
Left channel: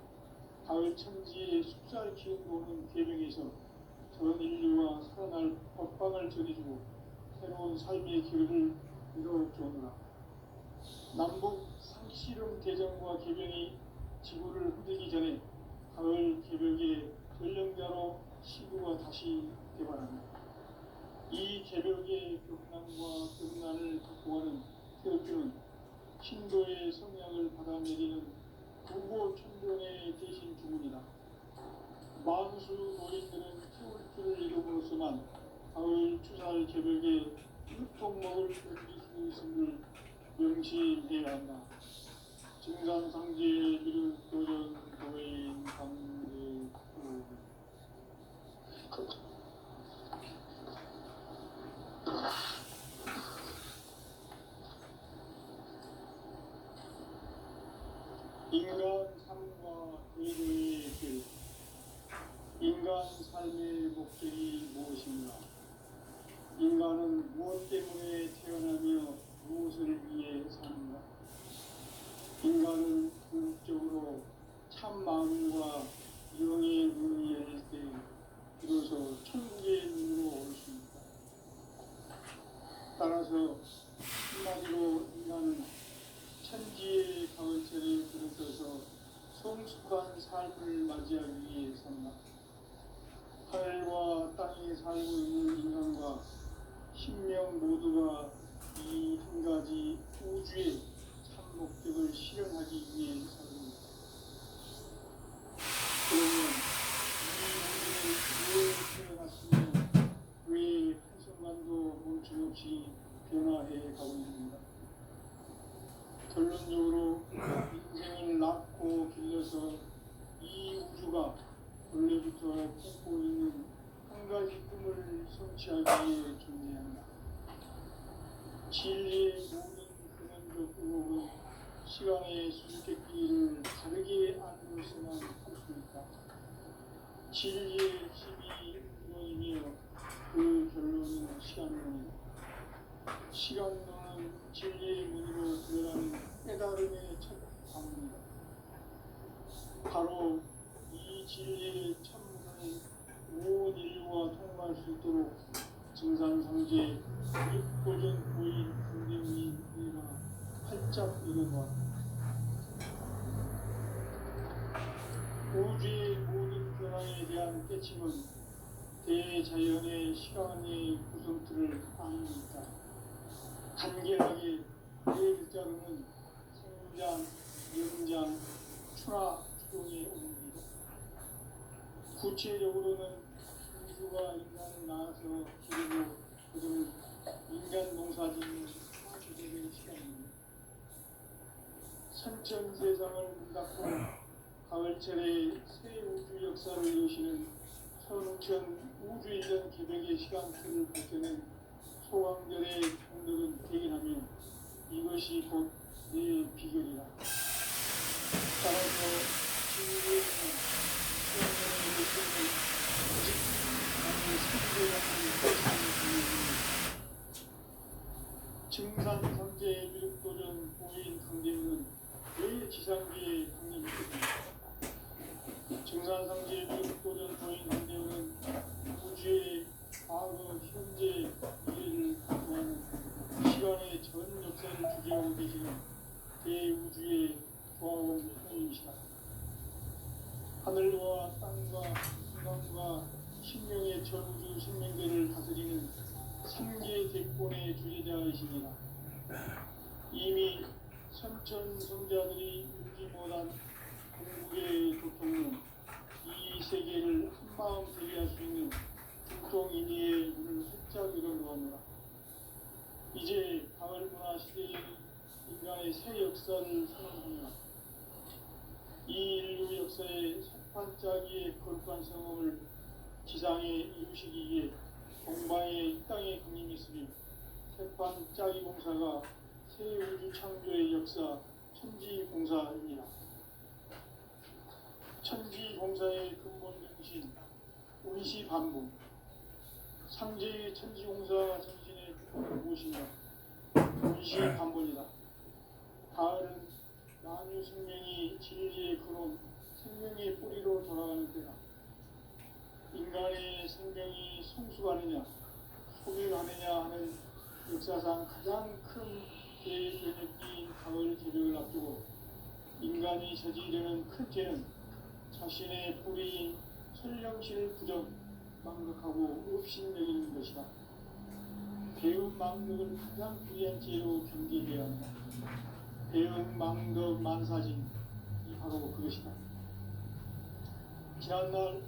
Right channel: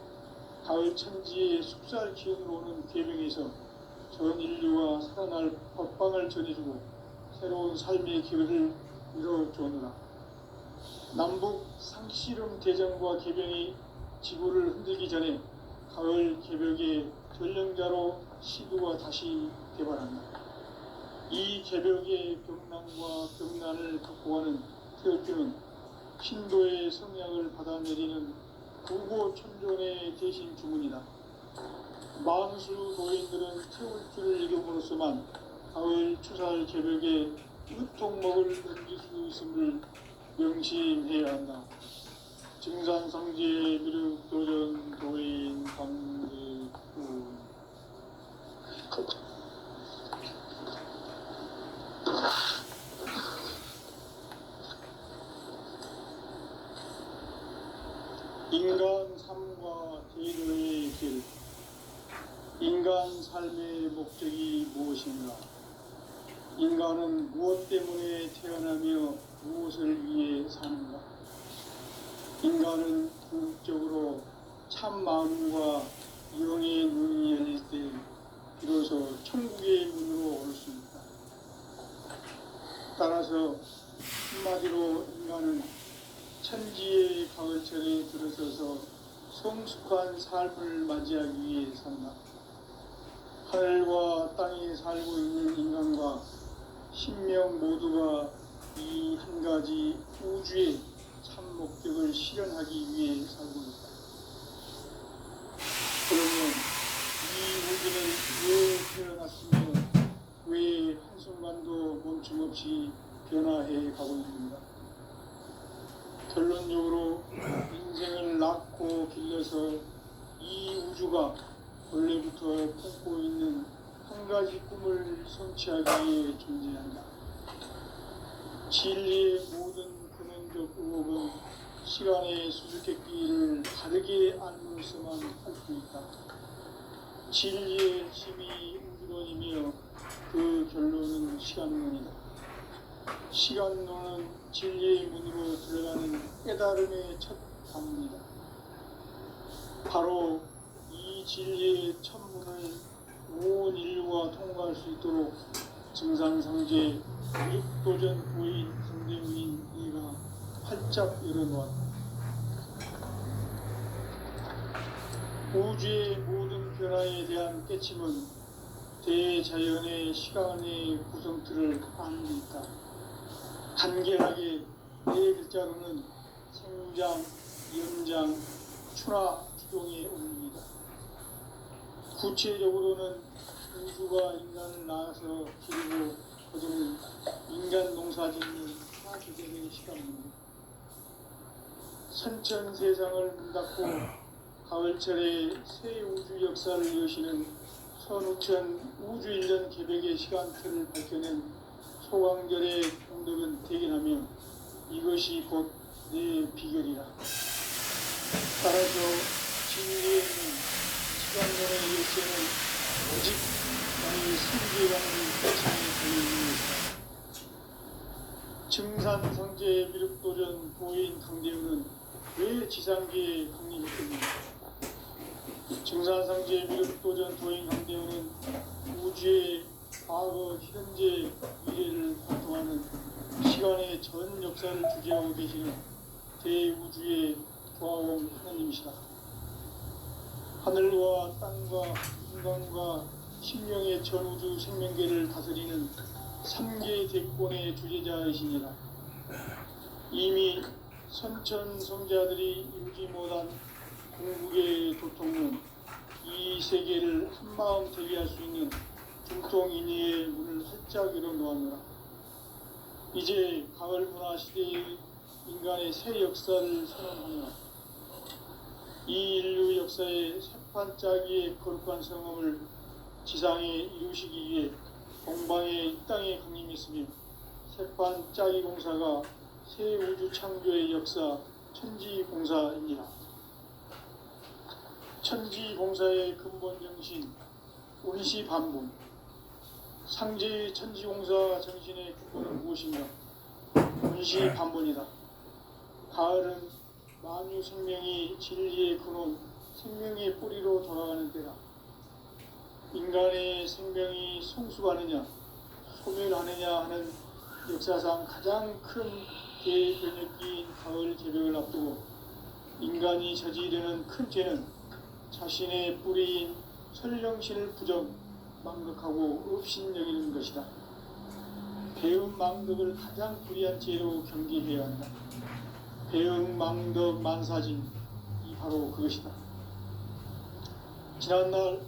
가을 천지의 숲살 기운으로 오는 계명에서 전 인류가 살아날 법방을 전해주고 새로운 삶의 기회를 이뤄주느라. 남북 상씨름 대전과 개병이 지구를 흔들기 전에 가을 개벽의 전령자로 시두가 다시 개발한다. 이 개벽의 벽난과 벽난을 극복하는 태어주는 신도의 성향을 받아내리는 구고천존의 대신 주문이다. 만수 노인들은 태울주를 이름으로서만 가을 추살 개벽에 으통먹을 던질 수 있음을 명심해야 한다. 증산성제 미륵도전 도인 강제구 인간 삶과 제도의 길. 인간 삶의 목적이 무엇인가? 인간은 무엇 때문에 태어나며 무엇을 위해 사는가? 참 마음과 영의 눈이 열릴 때 비로소 천국의 문으로 올 수 있다. 따라서 한마디로 인간은 천지의 가을철에 들어서서 성숙한 삶을 맞이하기 위해 산다. 하늘과 땅에 살고 있는 인간과 신명 모두가 이 한 가지 우주의 참 목적을 실현하기 위해 살고 있다. 그러면 이 우주는 왜 태어났으며 왜 한순간도 멈춤없이 변화해 가고 있는가? 결론적으로 인생을 낳고 길러서 이 우주가 원래부터 품고 있는 한 가지 꿈을 성취하기 위해 존재한다. 진리의 모든 근원적 의혹은 시간의 수수께끼를 다르게 알므로서만 할 수 있다. 진리의 힘이 우주론이며 그 결론은 시간론이다. 시간론은 진리의 문으로 들어가는 깨달음의 첫 방문이다. 바로 이 진리의 천문을 온 인류가 통과할 수 있도록 증산상제 육도전 부인 강대문인 이가 활짝 열어놓았다. 우주의 모든 변화에 대한 깨침은 대자연의 시간의 구성틀을 아는 데 있다. 간결하게 네 글자로는 생장, 연장, 추나 주동의 옵니다. 구체적으로는 우주가 인간을 낳아서 기르고 거두는 인간 농사짓는 하기전의 시간입니다. 선천세상을 문 닫고 가을철에 새 우주 역사를 여시는 선우천 우주일년 개백의 시간틀을 밝혀낸 소강절의 공덕은 대견하며 이것이 곧 내 비결이라. 따라서 진리의 시간론의 일생은 오직 나의 승리라는 증산상제 미륵도전 보인 강대우는 왜 지상계에 강림했습니까? 증산상제 미륵도전 보인 강대우는 우주의 과거, 현재, 미래를 관통하는 시간의 전 역사를 주재하고 계시는 대우주의 조화원 하나님이시다. 하늘과 땅과 인간과 신명의 전우주 생명계를 다스리는 3계 대권의 주제자이시니라. 이미 선천성자들이 이루지 못한 궁극의 도통은 이 세계를 한마음 되게 할 수 있는 중통인의의 문을 활짝 열어놓았노라. 이제 가을 문화 시대의 인간의 새 역사를 선언하노라. 이 인류 역사의 새판짜기의 거룩한 성함을 지상에 이루시기 위해 동방의 이 땅에 강림했으며 새판짜기 공사가 새 우주 창조의 역사 천지공사입니다. 천지공사의 근본 정신 운시반본, 상제의 천지공사 정신의 기본은 무엇이며 운시반본이다. 가을은 만유 생명이 진리의 근원, 생명의 뿌리로 돌아가는 때다. 인간의 생명이 성숙하느냐, 소멸하느냐 하는 역사상 가장 큰 대변혁기인 가을 개벽을 앞두고 인간이 저지르는 큰 죄는 자신의 뿌리인 설령신을 부정, 망덕하고 업신여기는 것이다. 배움 망덕을 가장 불의한 죄로 경계해야 한다. 배움 망덕 만사진, 이 바로 그것이다. 지난날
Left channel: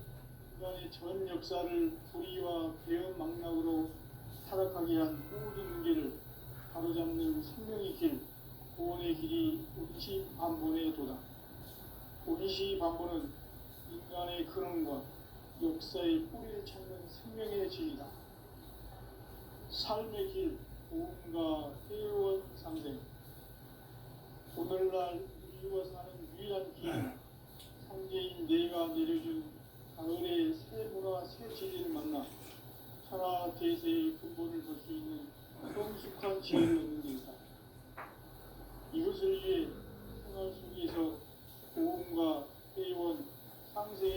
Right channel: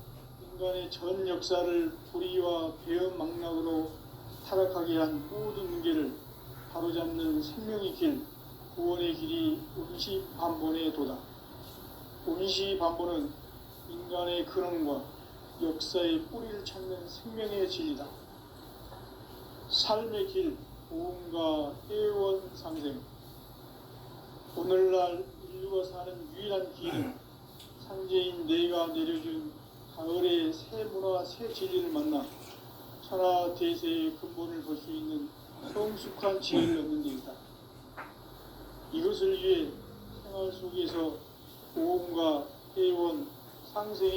인간의 전 역사를 불의와 배움 망락으로 타락하게 한 모든 문제를 바로잡는 생명의 길, 구원의 길이 운시반본의 도다. 운시반본은 인간의 근원과 역사의 뿌리를 찾는 생명의 진리다. 삶의 길, 보험과 회원 상생. 오늘날 인류가 사는 유일한 길은 상제인 내가 내려준 가을의 새 문화, 새 진리를 만나 천하 대세의 근본을 볼 수 있는 성숙한 지혜를 얻는 데 있다. 이것을 위해 생활 속에서 보험과 회원 상생의